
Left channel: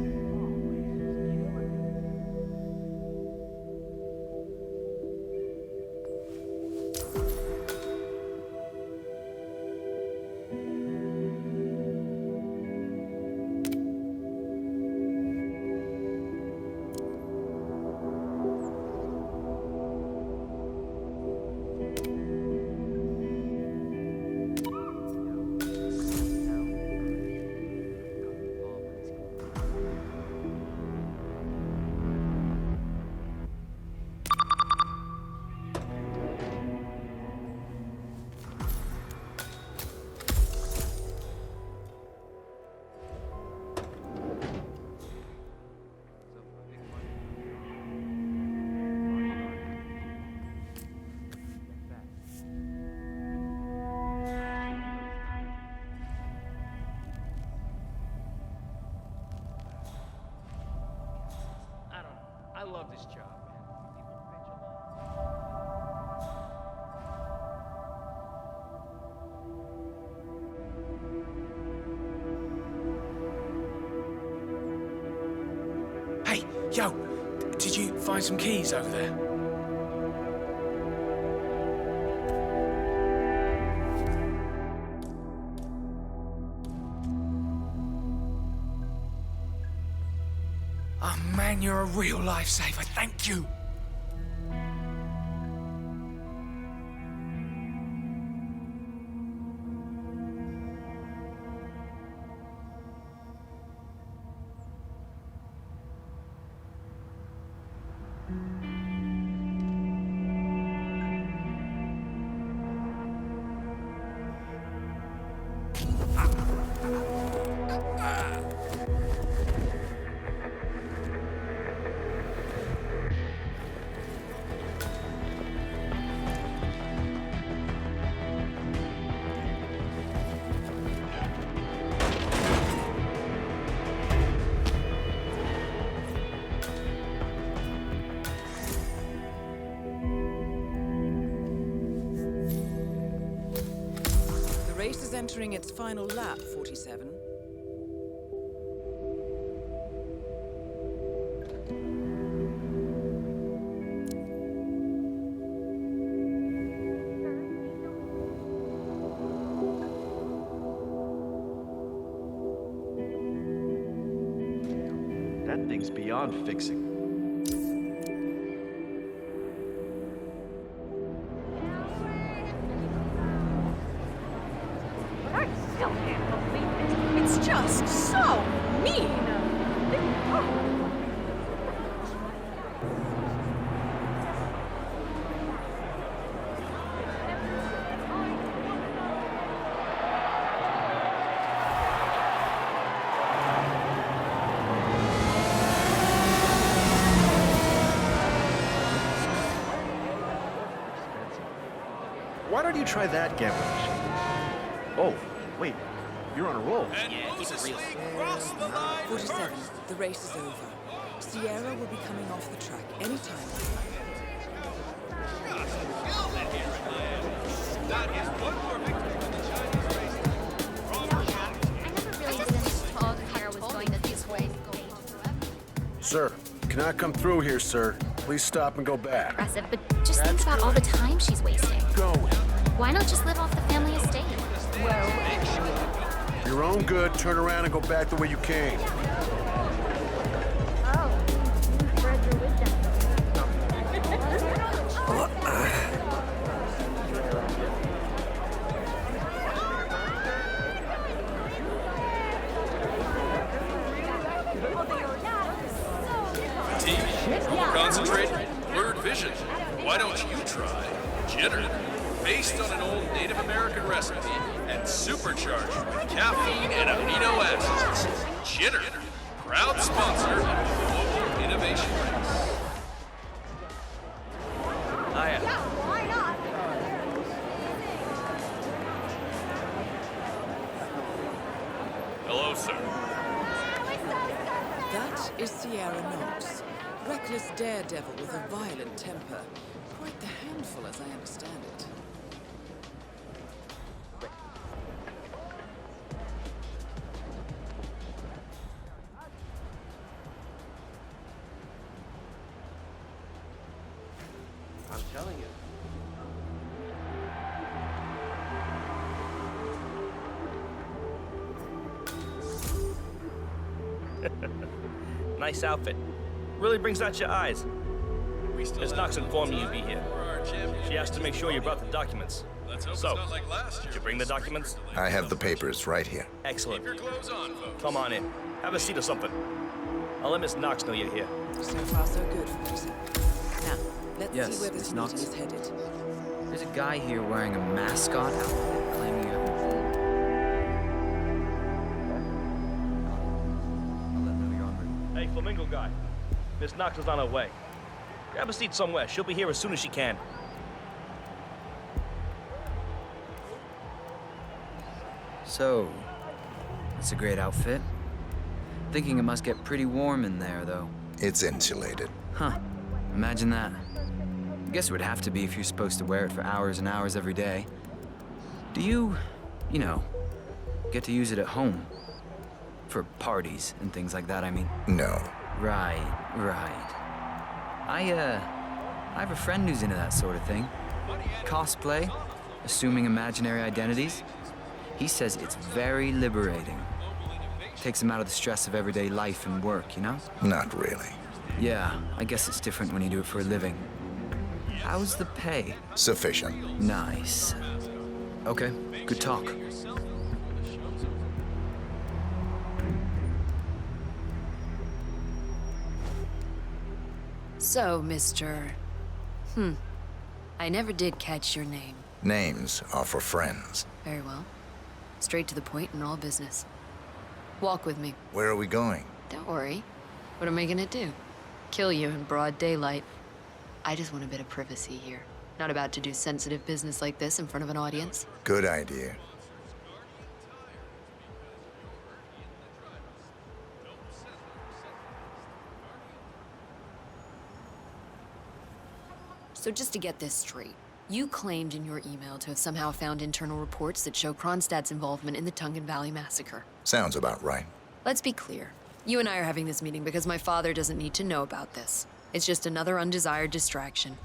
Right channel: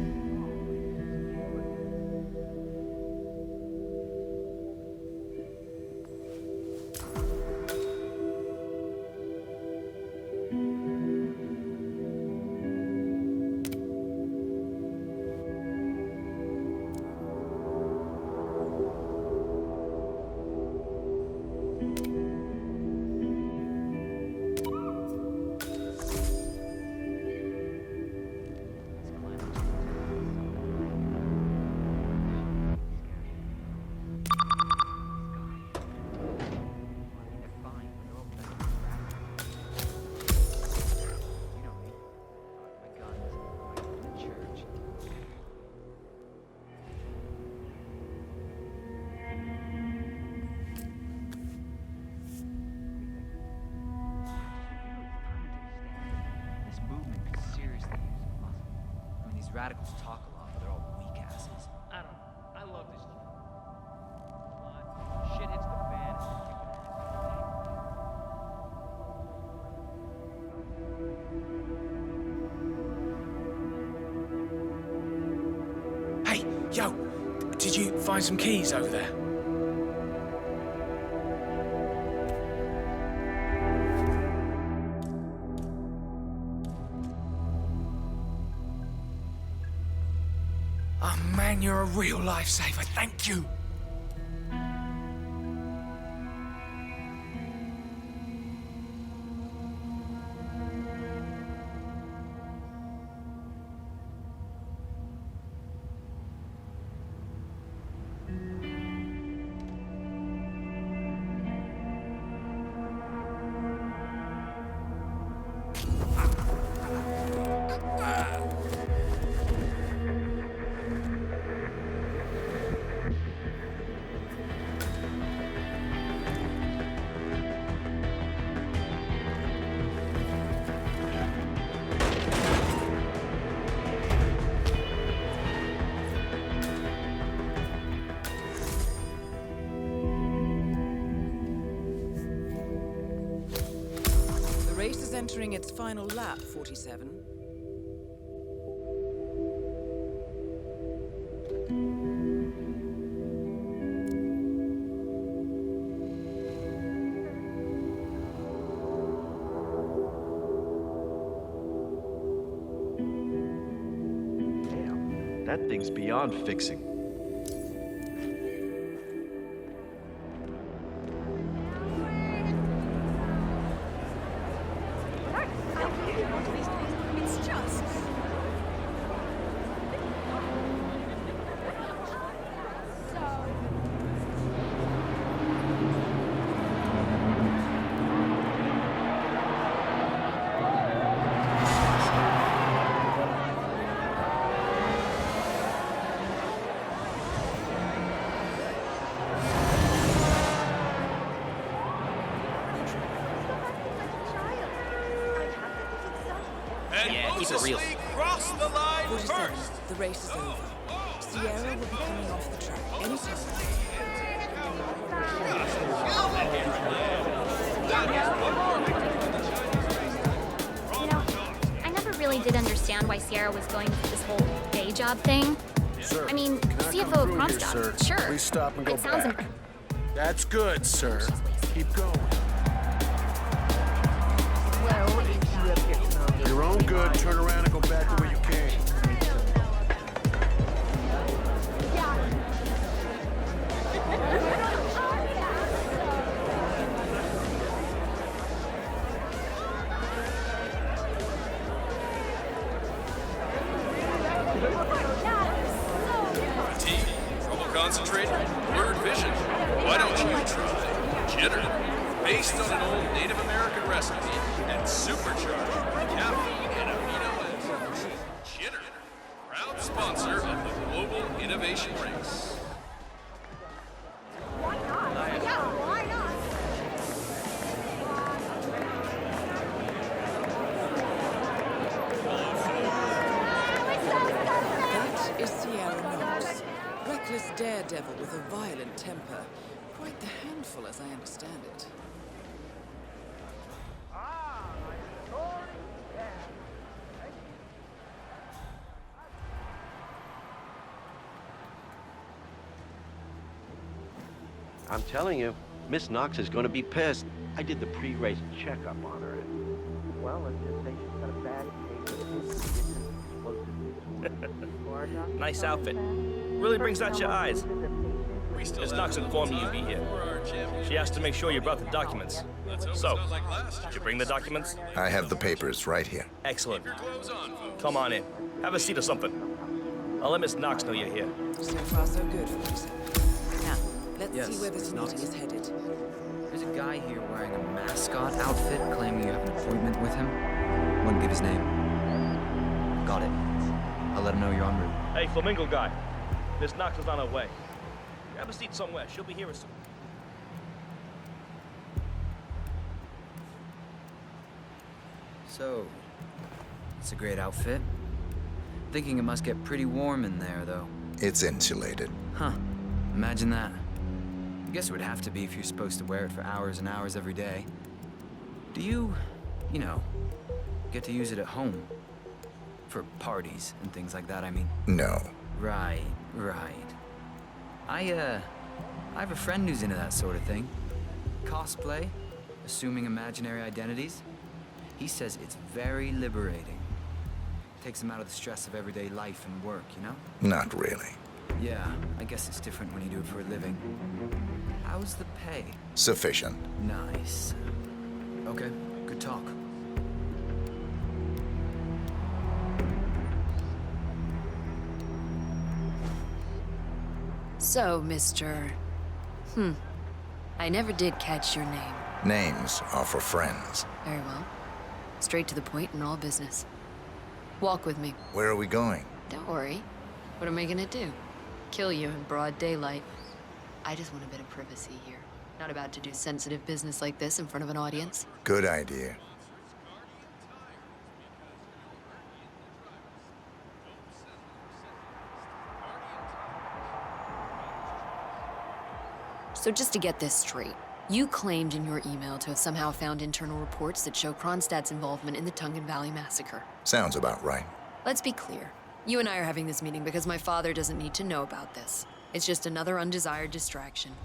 Radicals talk a lot, but they're all weak asses. I don't know. I love this job. Shit hits the fan. Hey, yo, did you find some keys over there? Oh man, you're a real lifesaver. Thank you. The race is entering its final lap, 47. Damn, that thing's beyond fixing. It's just so mean. Why don't you try that gambling? Oh, wait. You're on a roll. And Yeah, keep it real. Mosesley cross the line 47. first. The race is over. Sierra will be coming off the track anytime. I never really did understand why Sierra was going through this whole day job thing. Sir, I mean, can I come CFO through must here, have. sir? Sure. Please stop and go That sounds back. impressive, but just That's think about all the good, time sir. she's wasting. Keep going. Why not just live off the family estate? Well, For your own good, turn around and go back the way you came. Fatigue, trouble concentrating, blurred vision. Why don't you try Jitter? Based on an old Native American recipe and supercharged with caffeine and amino acids. Jitter, proud sponsor of the Global Innovation Race. Hello, sir. That is Sierra Knox. Reckless daredevil with a violent temper. Quite the handful, as I understand it. I'm telling you, Miss Knox is going to be pissed. I did the pre-race checkup. Nice outfit. Really brings out your eyes. Ms. Knox informed me you'd be here. She asked to make sure you brought the documents. So, did you bring the documents? I have the papers right here. Excellent. Come on in. Have a seat or something. I'll let Miss Knox know you're here. So far, so good, 47. Now, let's Yes, see where this Miss meeting Knox. is headed. There's a guy here wearing a mascot outfit claiming you have an appointment with him. Wouldn't give his name. Got it. I'll let him know you're en route. Hey, Flamingo guy. Miss Knox is on her way. Grab a seat somewhere. She'll be here as soon as she can. So, that's a great outfit. Thinking it must get pretty warm in there, though. It's insulated. Huh. Imagine that. I guess it would have to be if you're supposed to wear it for hours and hours every day. Do you know, get to use it at home? For parties and things like that, I mean. No. Right. I have a friend who's into that sort of thing. Cosplay, assuming imaginary identities. He says it's very liberating. Takes him out of the stress of everyday life and work, you know? Not really. Yeah, I guess it's different when you do it for a living. How's the pay? Sufficient. Nice. Okay, good talk. So, Mr. I never did catch your name. Names are for friends. Very well. Straight to the point in all business. Walk with me. Where are we going? Don't worry. What am I gonna do? Kill you in broad daylight. I just want a bit of privacy here. Not about to do sensitive business like this in front of an audience. Good idea. So just to get this straight, you claimed in your email to have somehow found internal reports that show Kronstadt's involvement in the Tungan Valley massacre. Sounds about right. Let's be clear. You and I are having this meeting because my father doesn't need to know about this. It's just another undesired distraction.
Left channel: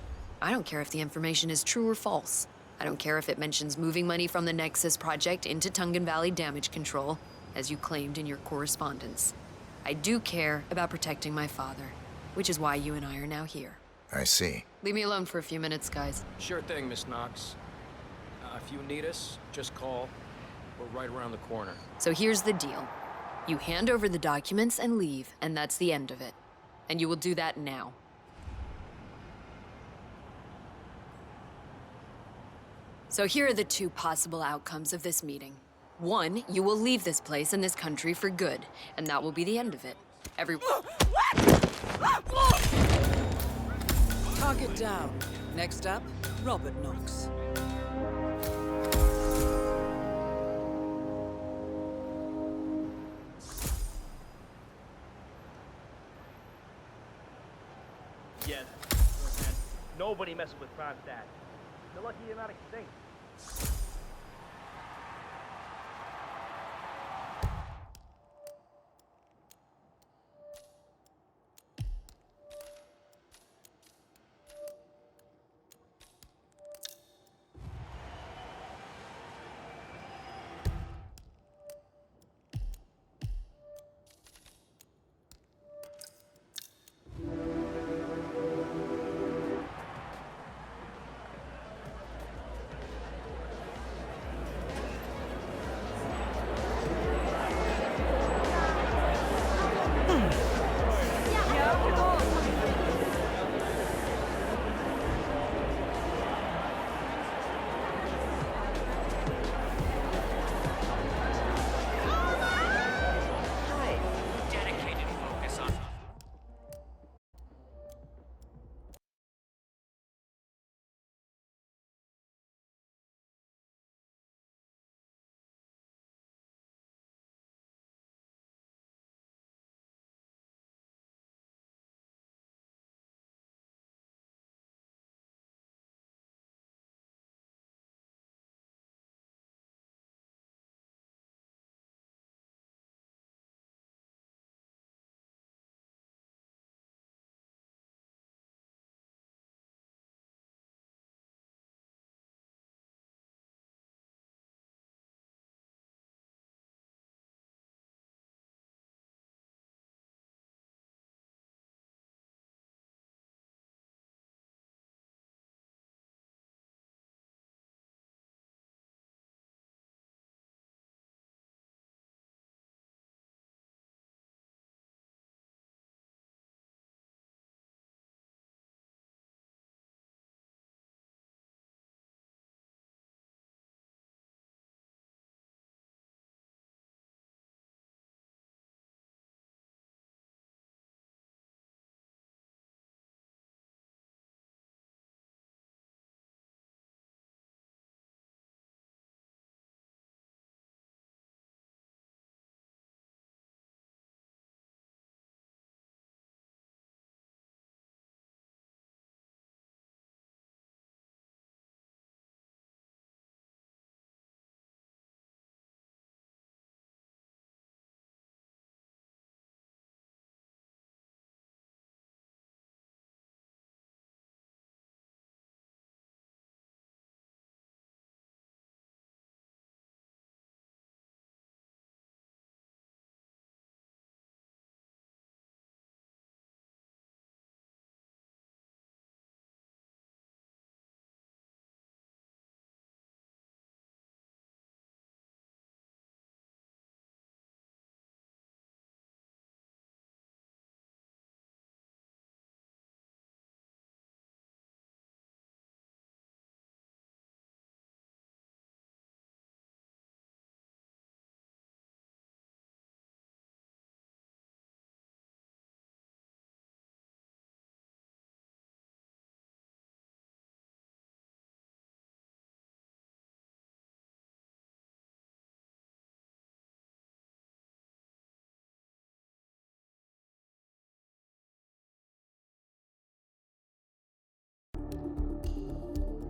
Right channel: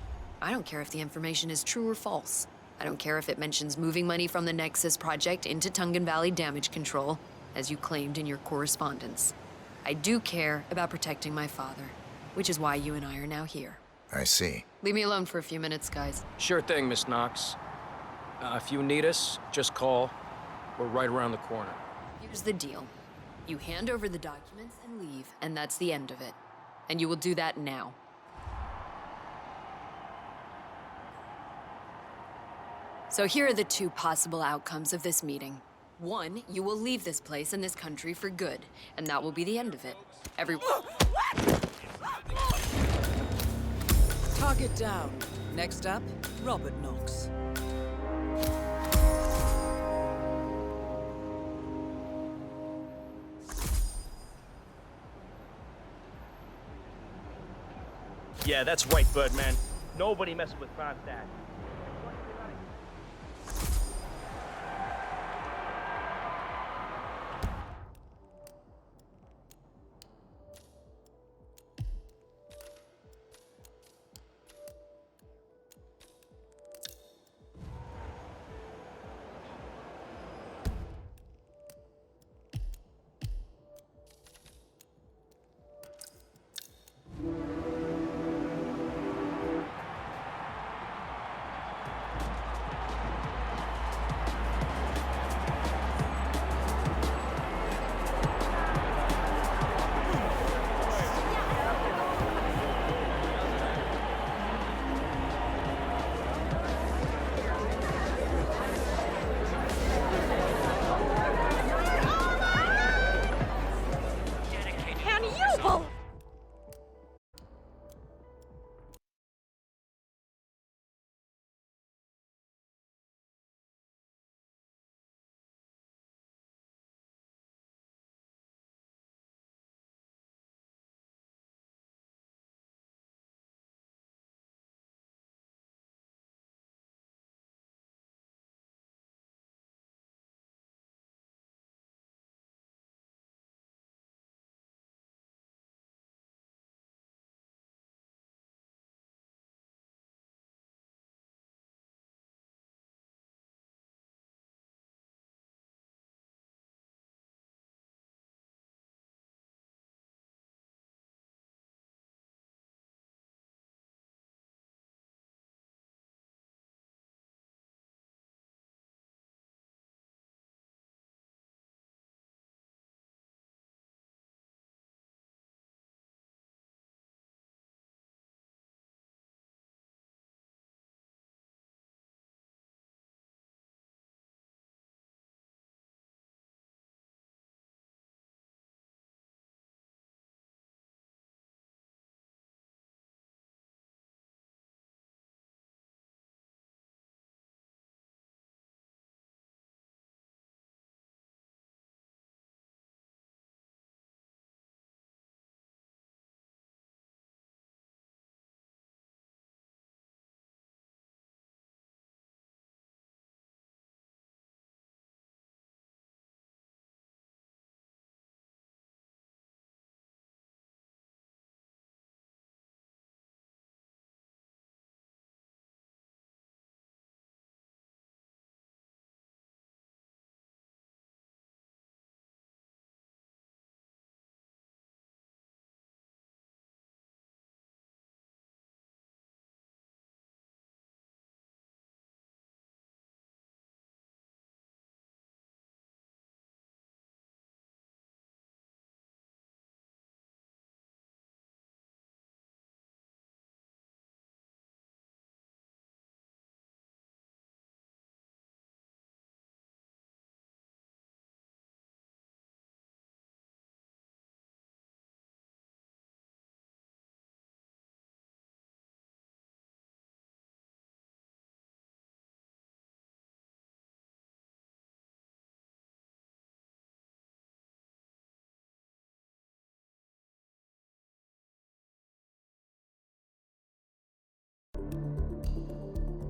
I don't care if the information is true or false. I don't care if it mentions moving money from the Nexus project into Tungan Valley damage control, as you claimed in your correspondence. I do care about protecting my father, which is why you and I are now here. I see. Leave me alone for a few minutes, guys. Sure thing, Miss Knox. If you need us, just call. We're right around the corner. So here's the deal. You hand over the documents and leave, and that's the end of it. And you will do that now. So here are the two possible outcomes of this meeting. One, you will leave this place and this country for good, and that will be the end of it. Target down. Next up, Robert Knox. Yeah, that's right, Birdman. Nobody messes with Kronstadt. You're lucky you're not extinct.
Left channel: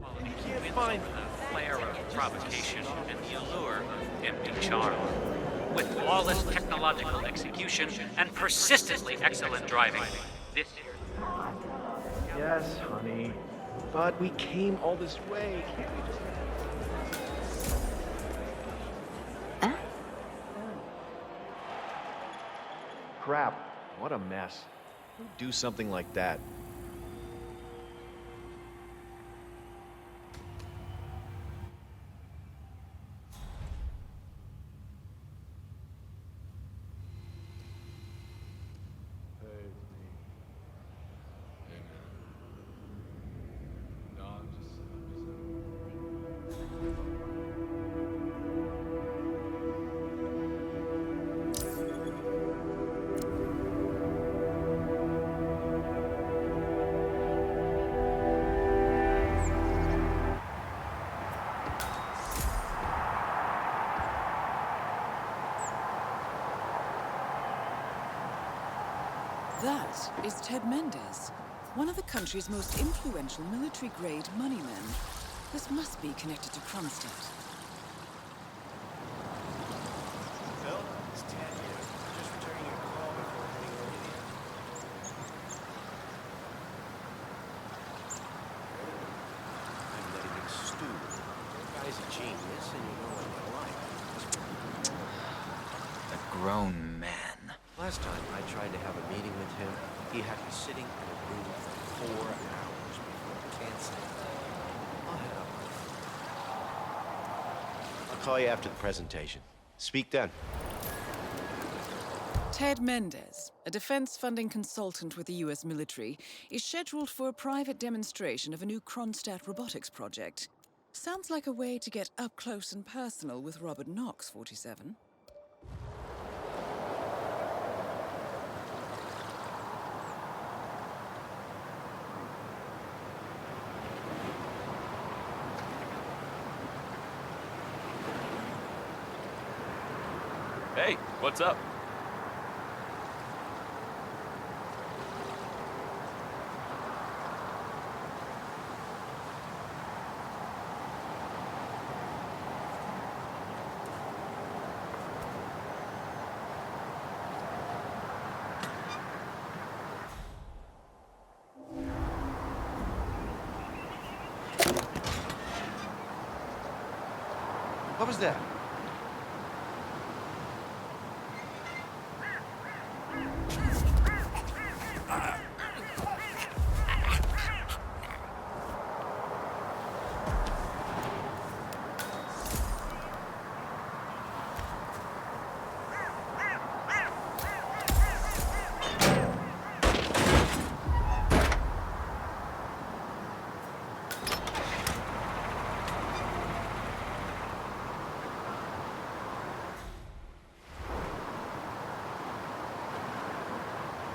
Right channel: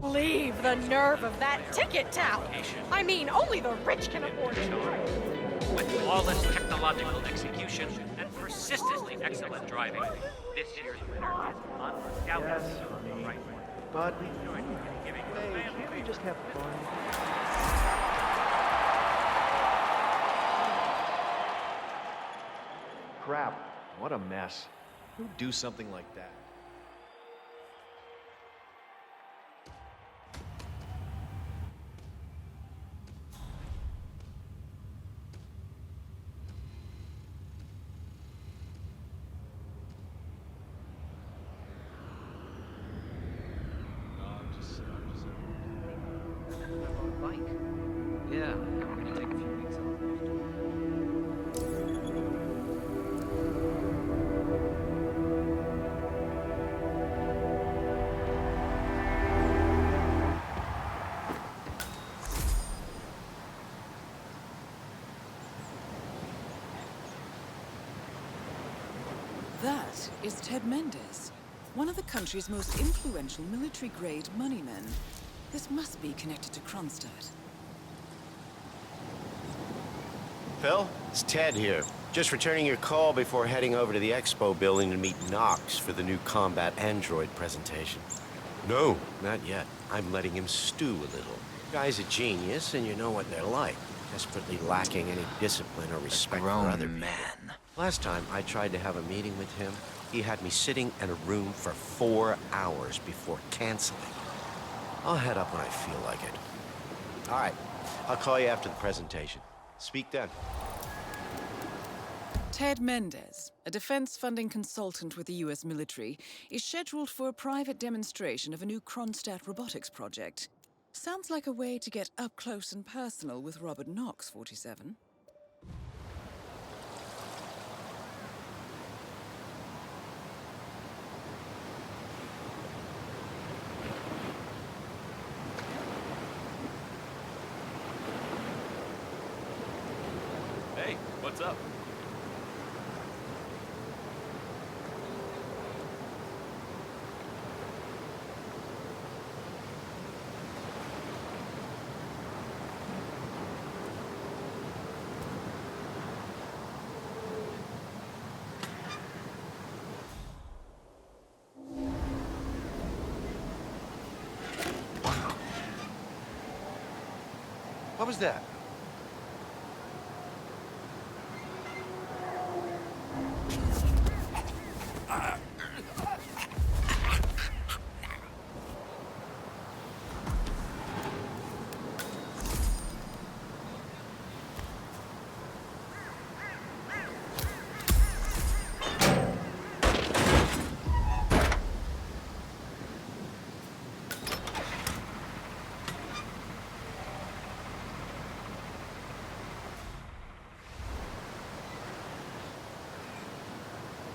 Leave the nerve of that ticket tout. I mean, only the rich can afford it. Charm. With flawless technological execution and persistently excellent driving, this year's Yes, honey. But we came all this way. Can't we just have fun? Crap. What a mess. Who'd do something like that? That is Ted Mendez, one of the country's most influential military-grade moneymen. This must be connected to Kronstadt. Phil, it's Ted here. Just returning your call before heading over to the expo building to meet Knox for the new combat android presentation. No, not yet. I'm letting him stew a little. The guy's a genius, and you know what they're like. Desperately lacking any discipline or respect for other Grown man. Last time I tried to have a meeting with him, he had me sitting in a room for 4 hours before canceling. I'll head up when I feel like it. All right, I'll call you after the presentation. Speak then. Ted Mendez, a defense funding consultant with the U.S. military, is scheduled for a private demonstration of a new Kronstadt robotics project. Sounds like a way to get up close and personal with Robert Knox, 47. Hey, what's up? What was that?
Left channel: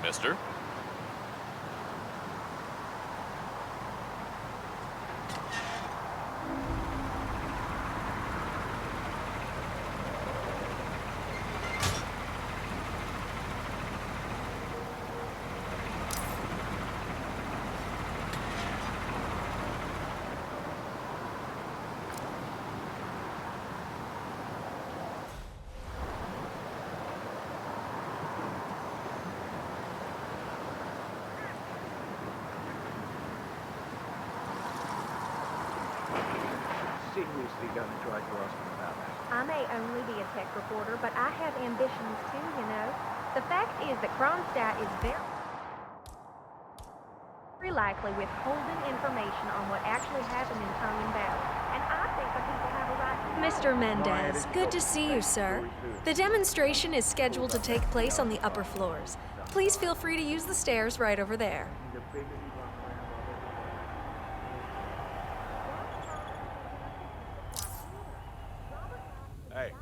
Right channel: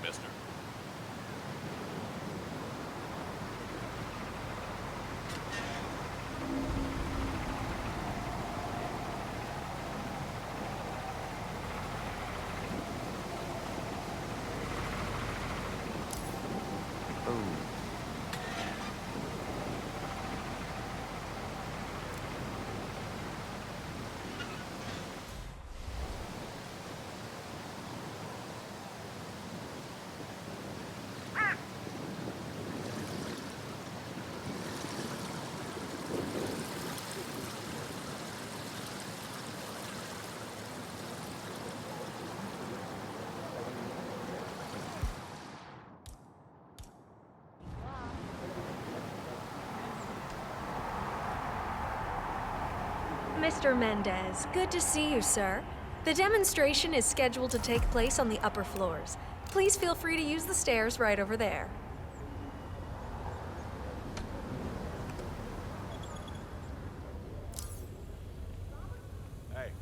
Mister? I may only be a tech reporter, but I have ambitions too, you know. The fact is that Kronstadt is very likely withholding information on what actually happened in Common Valley. And I think that he's kind of right. Mr. Mendez, good to see you, sir. The demonstration is scheduled to take place on the upper floors. Please feel free to use the stairs right over there. Hey.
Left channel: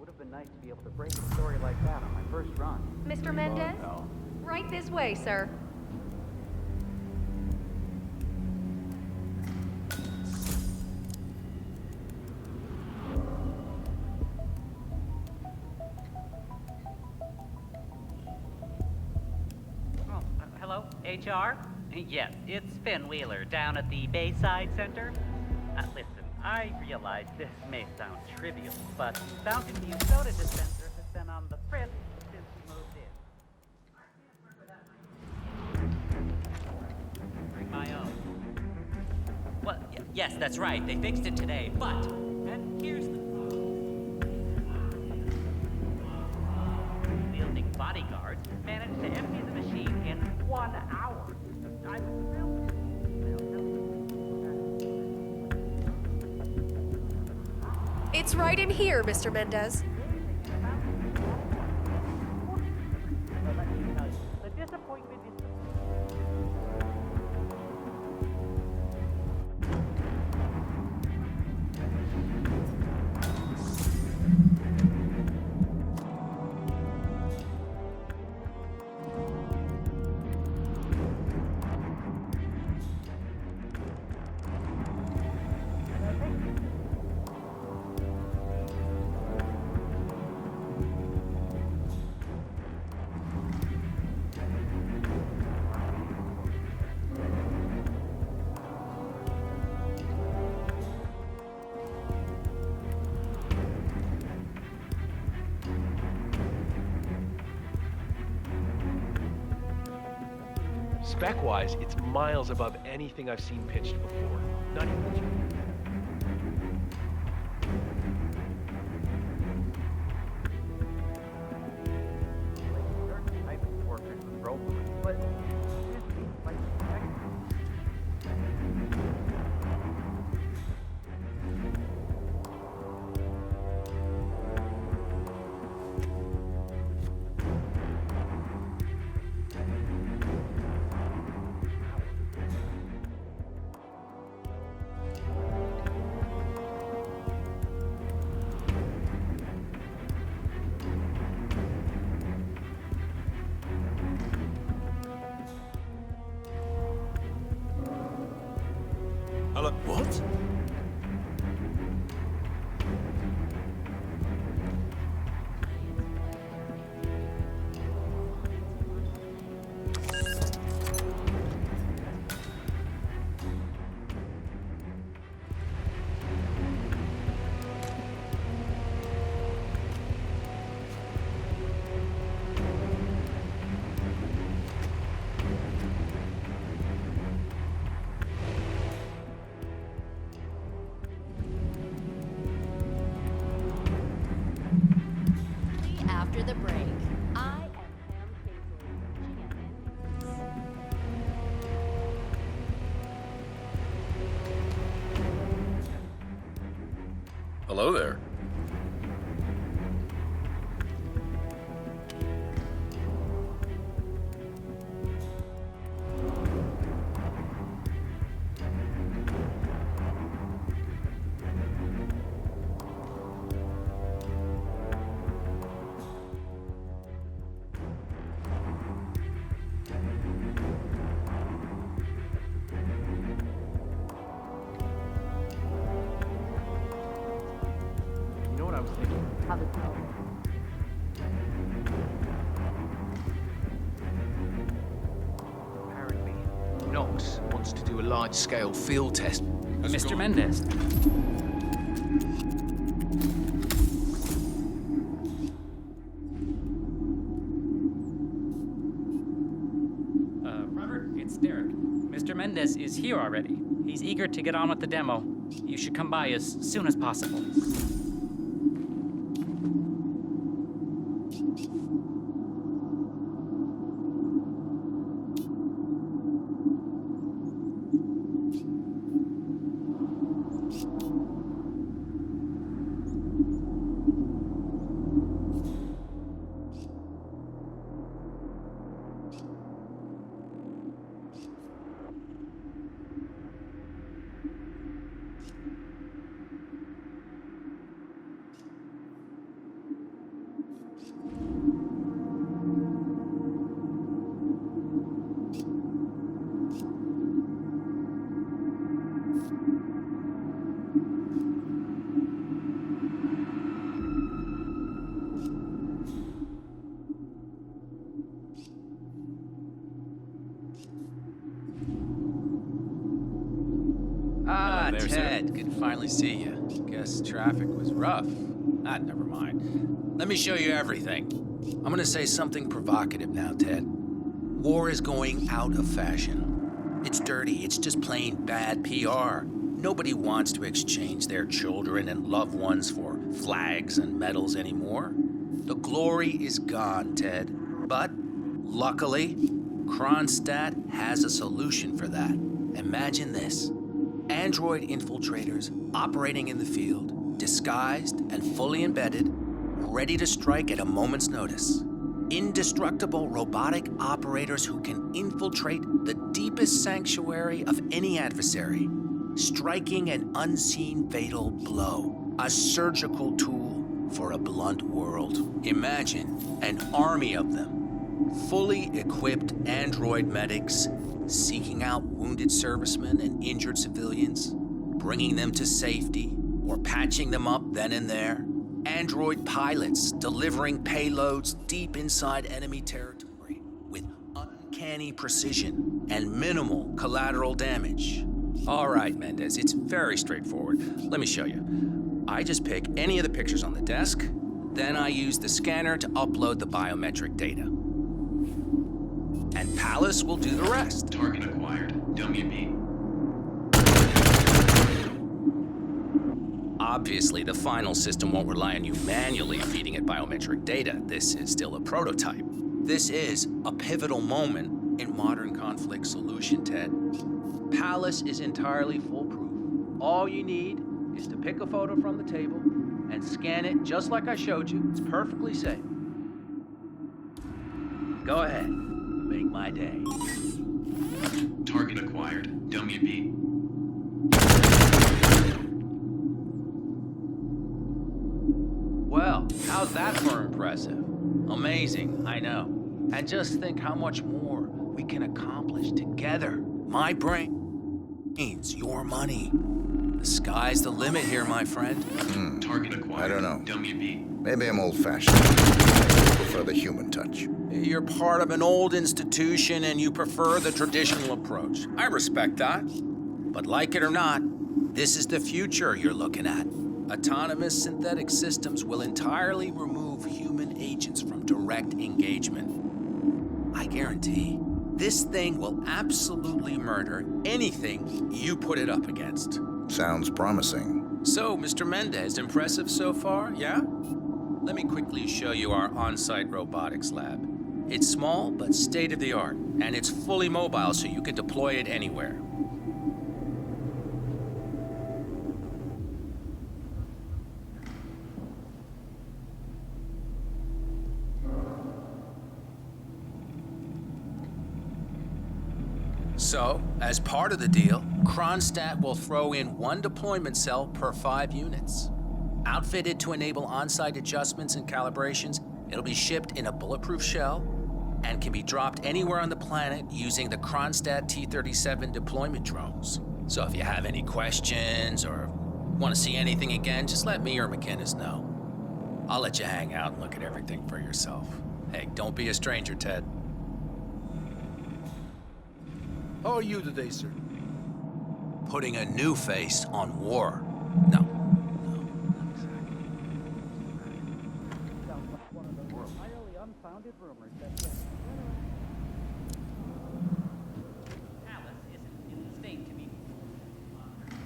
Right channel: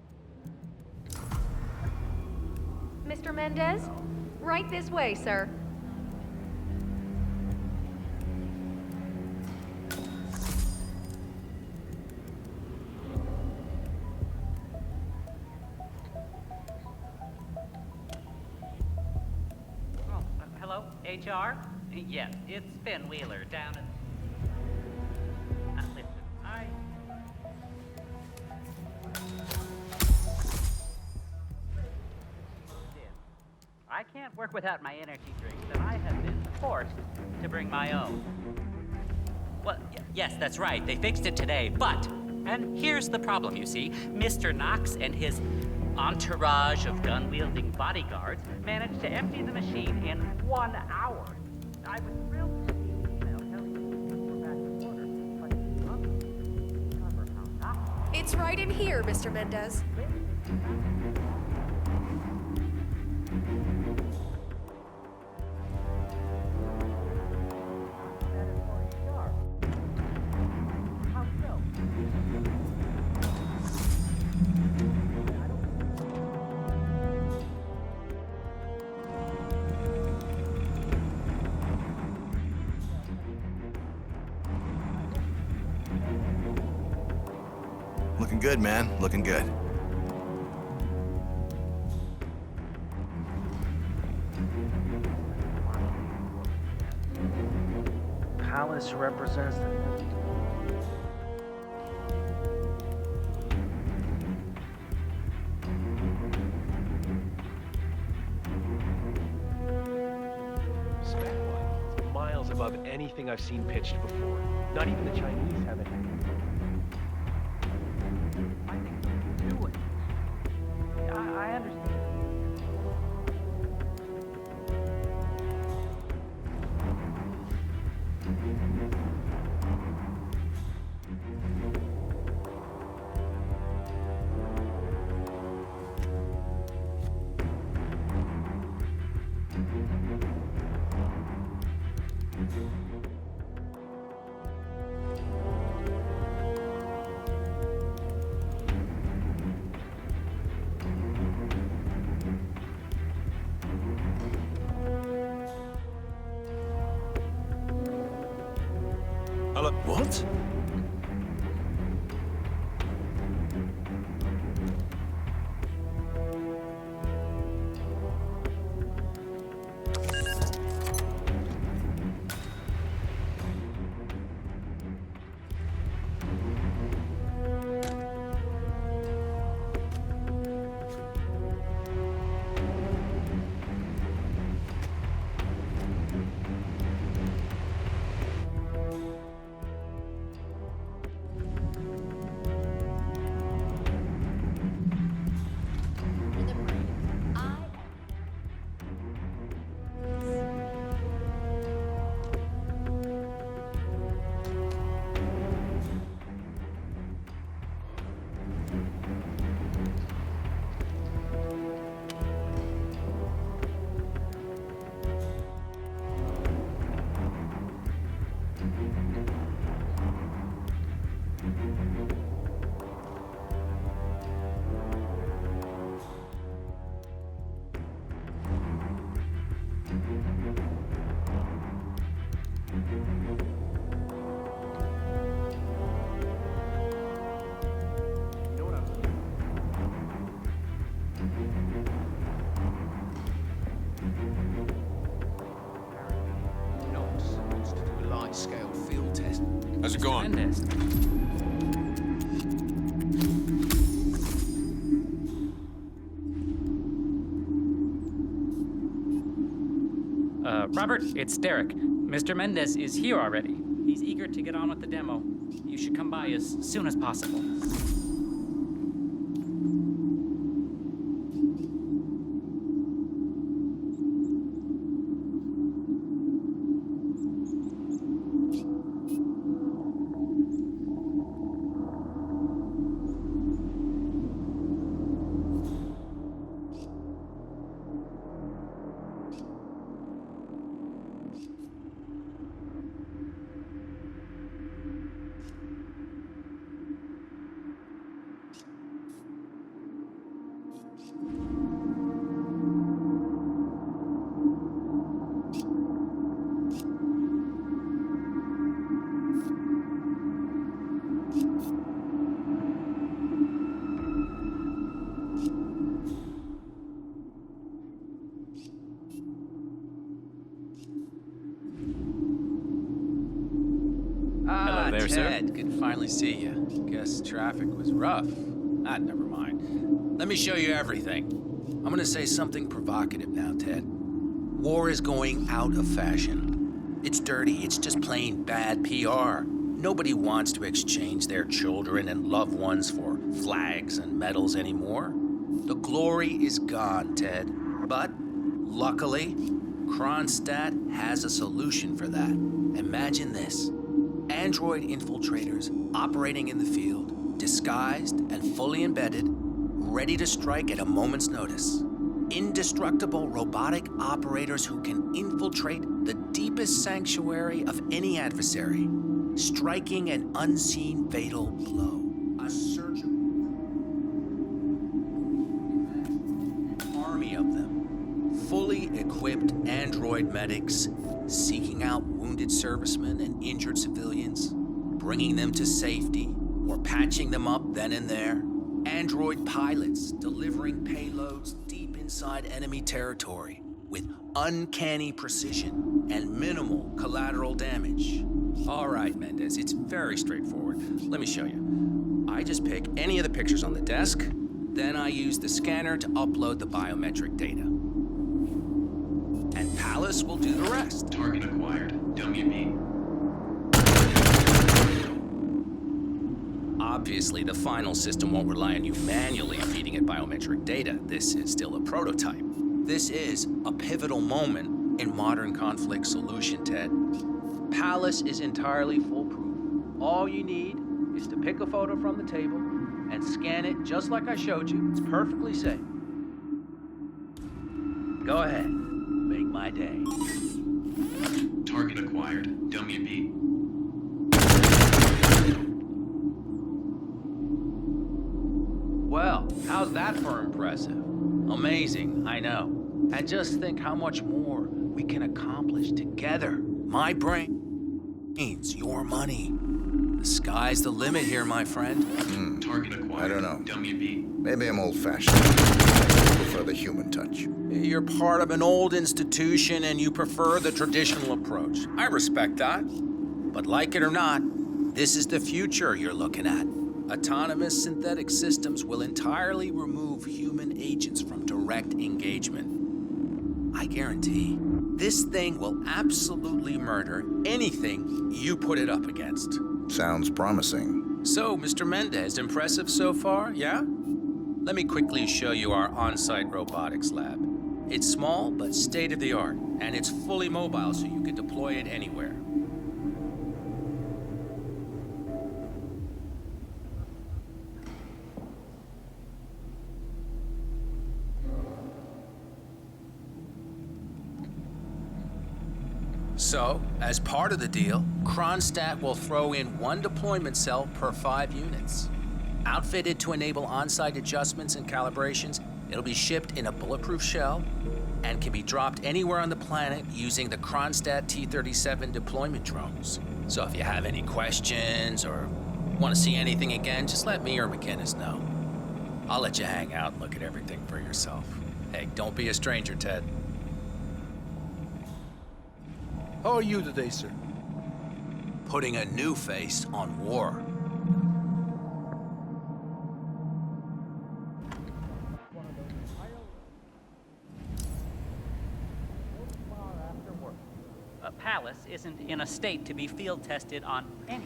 Would have been nice to be able to break a story like that on my first run. Mr. Mendez? Right this way, sir. HR? Yes, it's Finn Wheeler down at the Bayside Center. Listen, I realize this may sound trivial, but Balcony Soda Dispenser has been on the frisk since we moved in. I can't work without my energy drinks, and I have been forced to bring my own. Well, yes, that's right. They fixed it today, but... And here's the problem, you see. Mr. Knox and his entourage of gun-wielding bodyguards managed to empty the machine in 1 hour. I was thrilled to see the email telling me we're back in order, but It's right in here, Mr. Mendez. Looking good, man. Looking good. Palace represents the... Spec-wise, it's miles above anything I've seen pitched before. Not even the Chinese have anything. I understand. Hello? What? After the break, I am Hello there. You know what I was thinking? Apparently, Knox wants to do a large-scale field test. How's it Mr. going? Mendez. Robert, it's Derek. Mr. Mendez is here already. He's eager to get on with the demo. You should come by as soon as possible. there, Ted. sir. Good to finally see you. Guess traffic was rough. Never mind. Let me show you everything. I'm gonna say something provocative now, Ted. War is going out of fashion. It's dirty. It's just plain bad PR. Nobody wants to exchange their children and loved ones for flags and medals anymore. The glory is gone, Ted. But, luckily, Kronstadt has a solution for that. Imagine this. Android infiltrators operating in the field, disguised and fully embedded, ready to strike at a moment's notice. Indestructible robotic operators who can infiltrate the deepest sanctuary of any adversary, striking an unseen fatal blow, a surgical tool for a blunt world. Imagine an army of them, fully equipped android medics seeking out wounded servicemen and injured civilians, bringing them to safety or patching them up then and there. Android pilots delivering payloads deep inside enemy territory with uncanny precision and minimal collateral damage. All right, Mendez, it's very straightforward. Let me show you. I just pick any of the pictures on the desk, then I use the scanner to upload the biometric data. And Palace will do the rest. Target acquired. WB. Obviously, the final system won't rely on you manually feeding it biometric data. This is still a prototype. This is a pivotal moment in modern conflict solution, Ted. Palace is entirely foolproof. All you need is to pick a photo from the table and scan it just like I showed you. It's perfectly safe. Go ahead. Make my day. Target acquired. WB. Well, how's that for impressive? Amazing, I know. And just think how much more we can accomplish together. My brains, your money. The sky's the limit here, my friend. Target acquired. I don't know. WB. Maybe I'm old-fashioned. I prefer the human touch. You're part of an old institution and you prefer the traditional approach. I respect that. But like it or not, this is the future you're looking at. Autonomous synthetic systems will entirely remove human agents from direct engagement. I guarantee this thing will absolutely murder anything you put it up against. Sounds promising. So, Mr. Mendez, impressive so far, yeah? Let me quickly show you our on-site robotics lab. It's small, but state-of-the-art, and it's fully mobile, so you can deploy it anywhere. So, as part of the deal, Kronstadt will throw in 1 deployment cell per 5 units. Outfitted to enable on-site adjustments and calibrations, it'll be shipped in a bulletproof shell and can be dropped anywhere on the planet using the Kronstadt T-37 deployment drones. So if you have any questions or want to see anything again, just let me or McInnes know. I'll let you hang out and look at everything for yourself. Hey, don't be a stranger, Ted. How are you today, sir? Putting a new face on war. No. Palace isn't in a state to be field tested on any.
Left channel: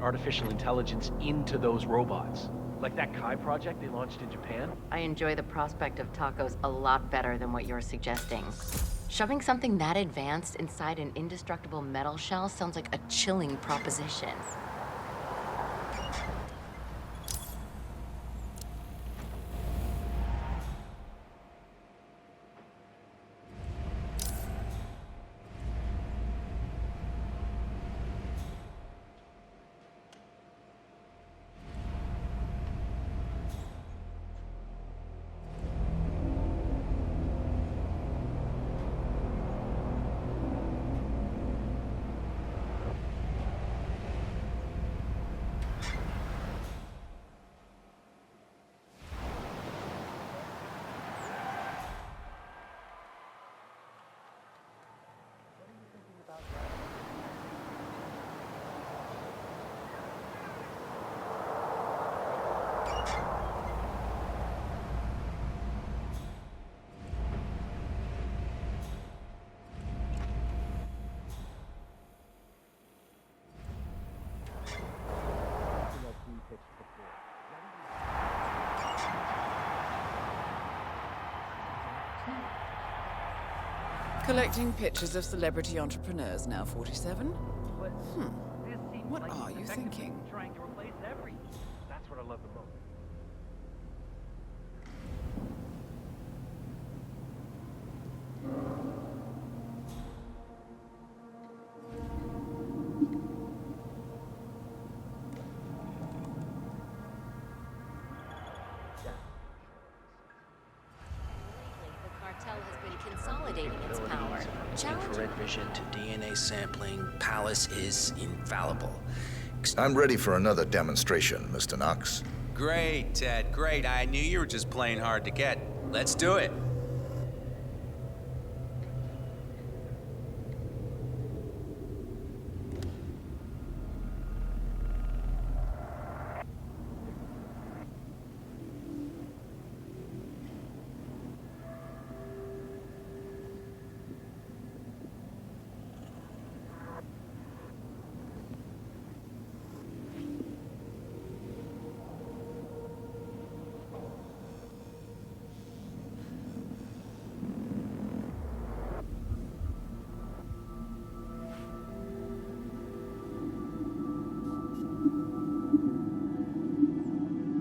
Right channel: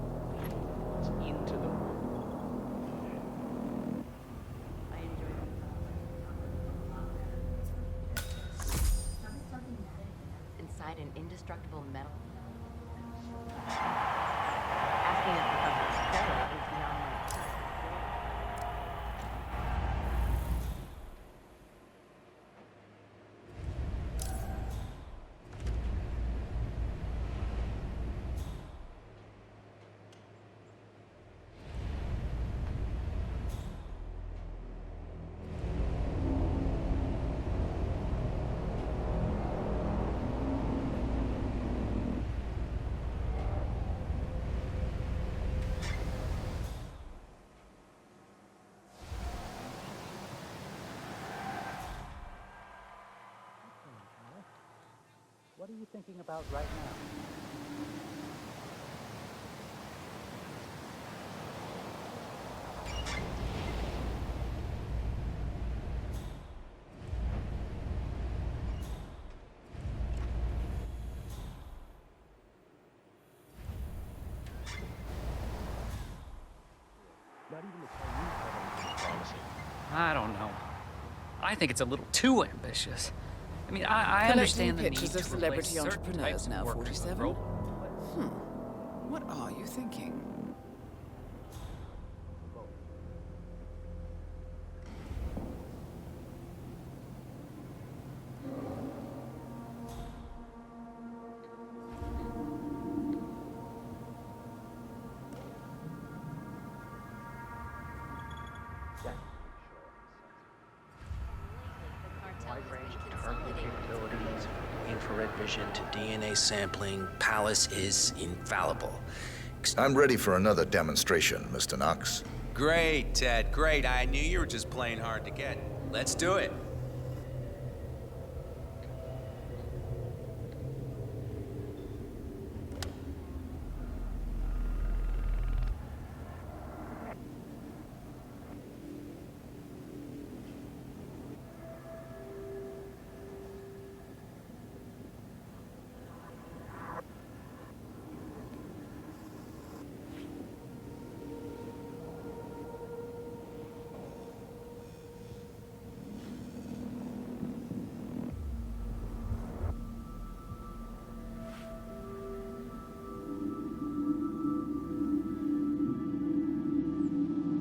Artificial intelligence into those robots. Like that Kai project they launched in Japan? I enjoy the prospect of tacos a lot better than what you're suggesting. Shoving something that advanced inside an indestructible metal shell sounds like a chilling proposition. Asking if the is beyond my... are you thinking about right now? I don't know. I think it's a little too ambitious. I mean, I Collecting understand the pictures need of to celebrity replace certain entrepreneurs types of now, work 47? with What are you thinking? That's what I love the most. The cartel has been consolidating its power. Infrared vision to DNA sampling. Palace is infallible. I'm ready for another demonstration, Mr. Knox. Great, Ted, great. I knew you were just playing hard to get. Let's do it.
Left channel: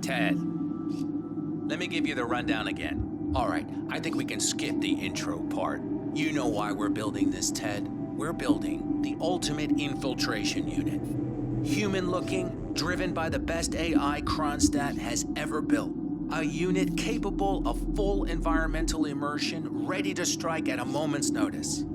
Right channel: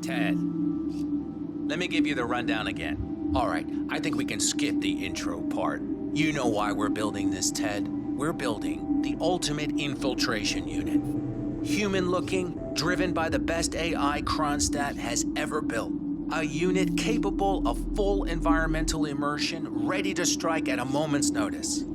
Ted, let me give you the rundown again. All right, I think we can skip the intro part. You know why we're building this, Ted. We're building the ultimate infiltration unit. Human-looking, driven by the best AI Kronstadt has ever built. A unit capable of full environmental immersion, ready to strike at a moment's notice.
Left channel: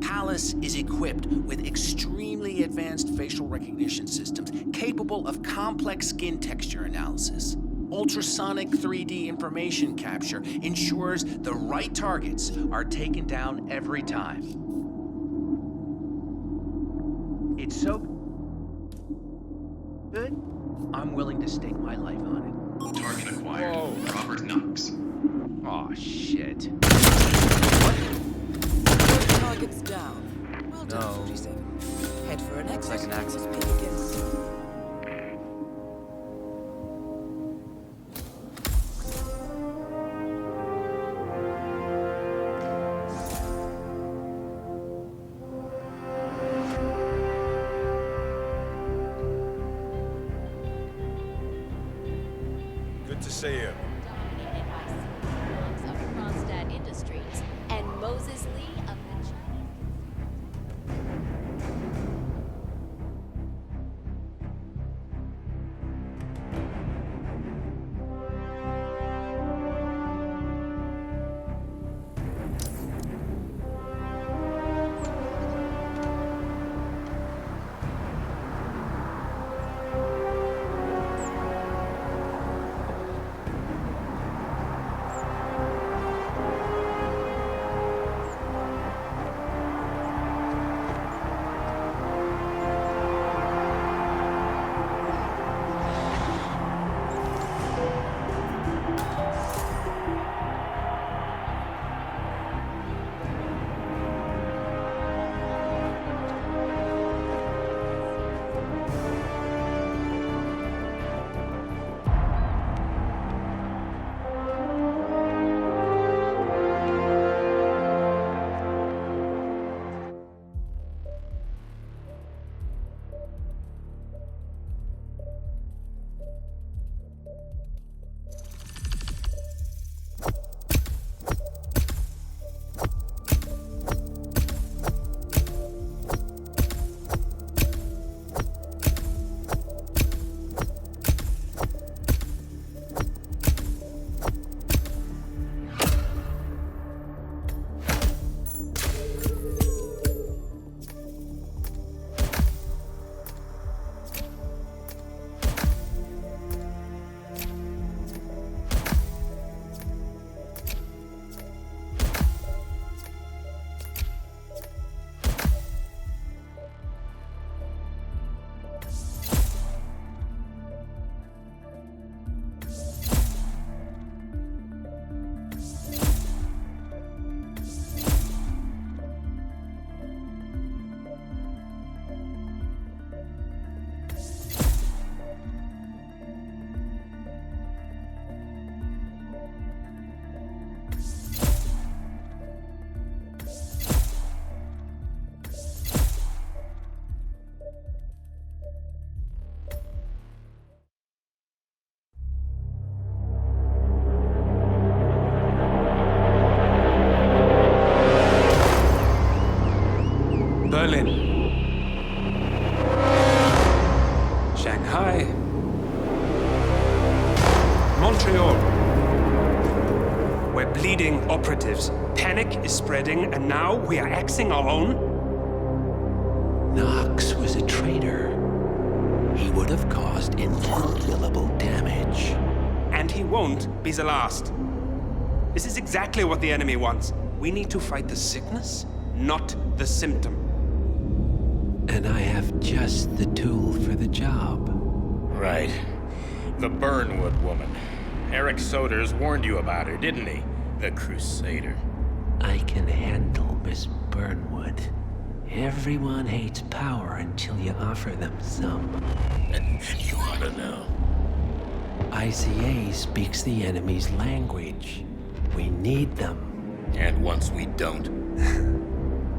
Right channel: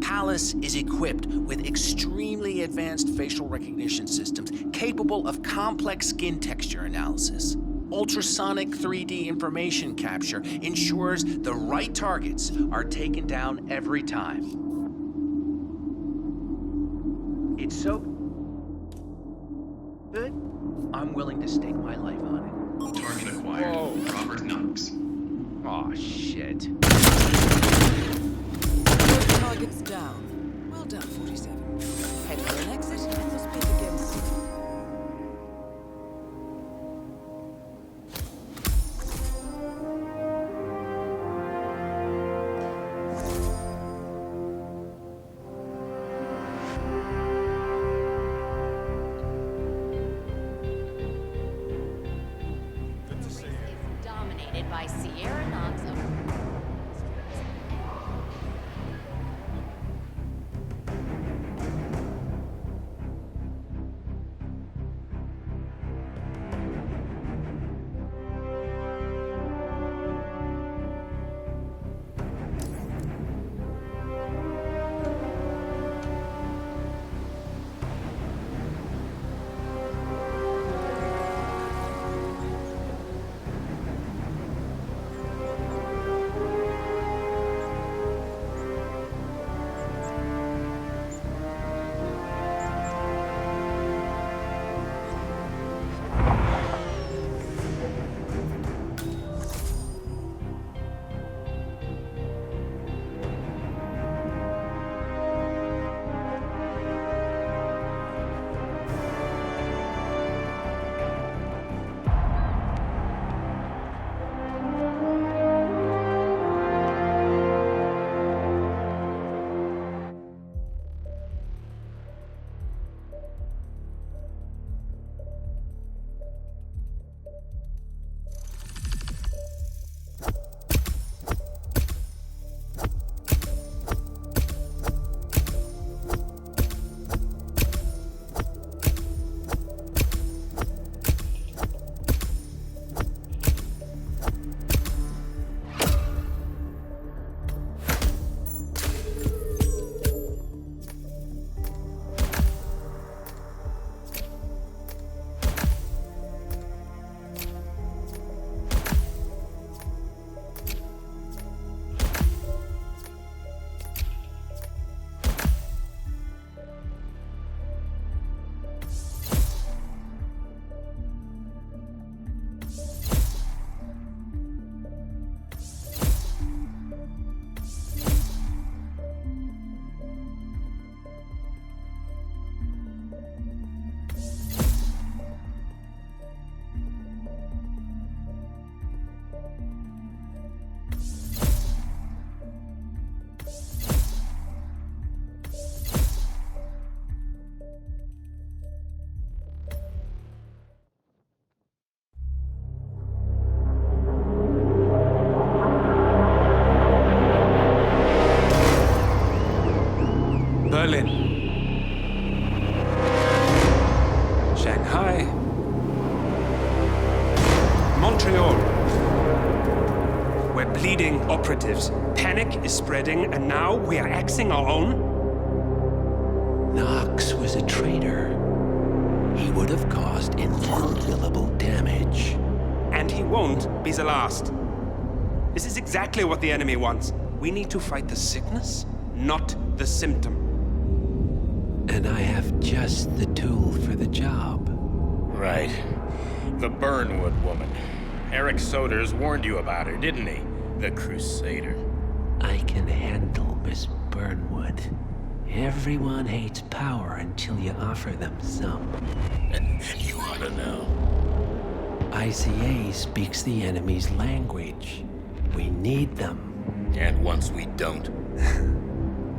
Palace is equipped with extremely advanced facial recognition systems capable of complex skin texture analysis. Ultrasonic 3D information capture ensures the right targets are taken down every time. It's so good, I'm willing to stake my life on it. Target acquired. Whoa. Robert Knox. Aw, shit. Target's down. Well done, 47. Head for an exit and we'll speak again soon. Good to see you. Dominated by Sierra Knox of Kronstadt Industries and Moses Lee of Berlin. Shanghai. Montreal. We're bleeding operatives. Panic is spreading, and now we are axing our own? Knox was a traitor. He would have caused incalculable damage. And he won't be the last. This is exactly what the enemy wants. We need to fight the sickness, not the symptom. And I have just the tool for the job. Right. The Burnwood woman. Eric Soders warned you about her, didn't he? The Crusader. I can handle Miss Burnwood. Everyone hates power until you offer them some. You ought to know. ICA speaks the enemy's language. We need them. And once we don't?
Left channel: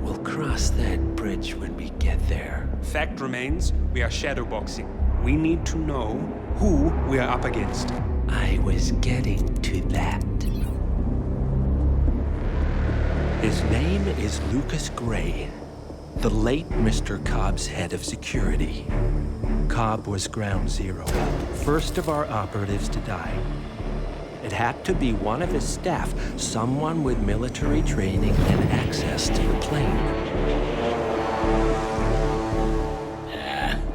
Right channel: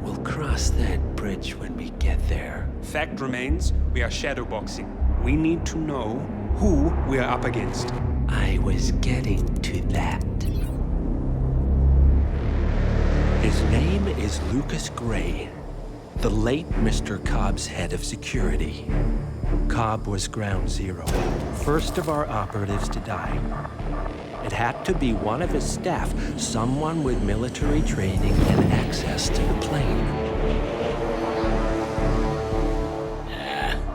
We'll cross that bridge when we get there. Fact remains, we are shadowboxing. We need to know who we are up against. I was getting to that. His name is Lucas Gray, the late Mr. Cobb's head of security. Cobb was ground zero, first of our operatives to die. It had to be one of his staff, someone with military training and access to the plane.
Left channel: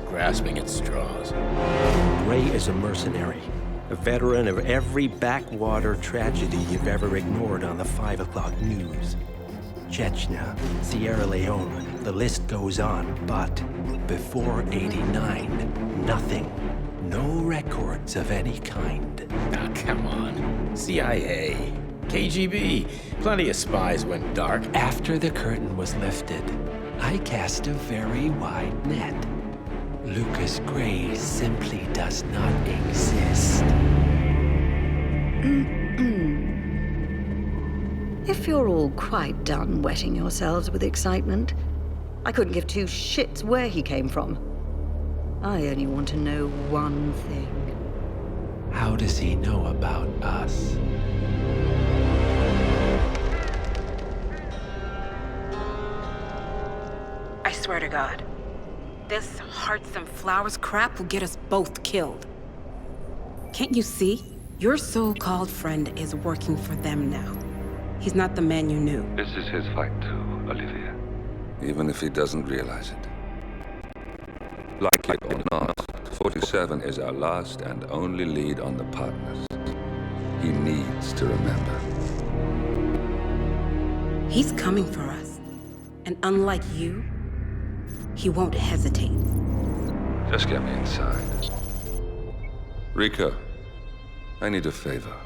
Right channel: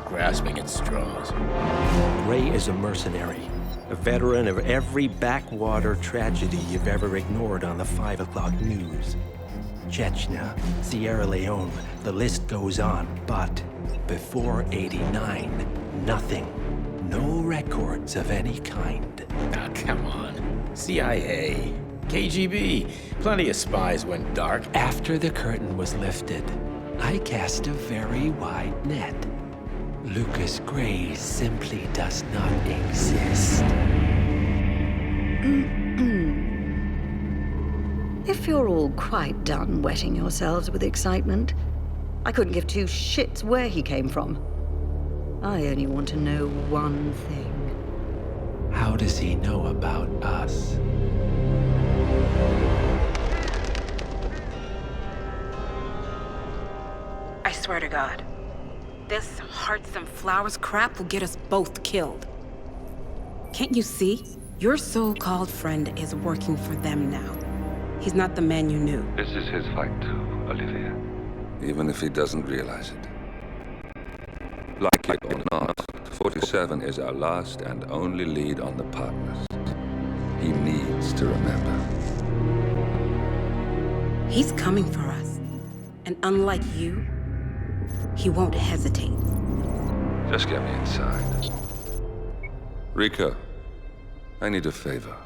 Grasping at straws. Gray is a mercenary, a veteran of every backwater tragedy you've ever ignored on the 5 o'clock news. Chechnya, Sierra Leone, the list goes on, but before '89, nothing. No records of any kind. Ah, come on. CIA, KGB, plenty of spies went dark. After the curtain was lifted, I cast a very wide net. Lucas Gray simply does not exist. If you're all quite done wetting yourselves with excitement, I couldn't give two shits where he came from. I only want to know one thing. How does he know about us? I swear to God, this hearts and flowers crap will get us both killed. Can't you see? Your so-called friend is working for them now. He's not the man you knew. This is his fight too, Olivia. Even if he doesn't realize it. Like it or not, 47 is our last and only lead on the partners. He needs to remember. He's coming for us. And unlike you, he won't hesitate. Just get me inside. Rico, I need a favor.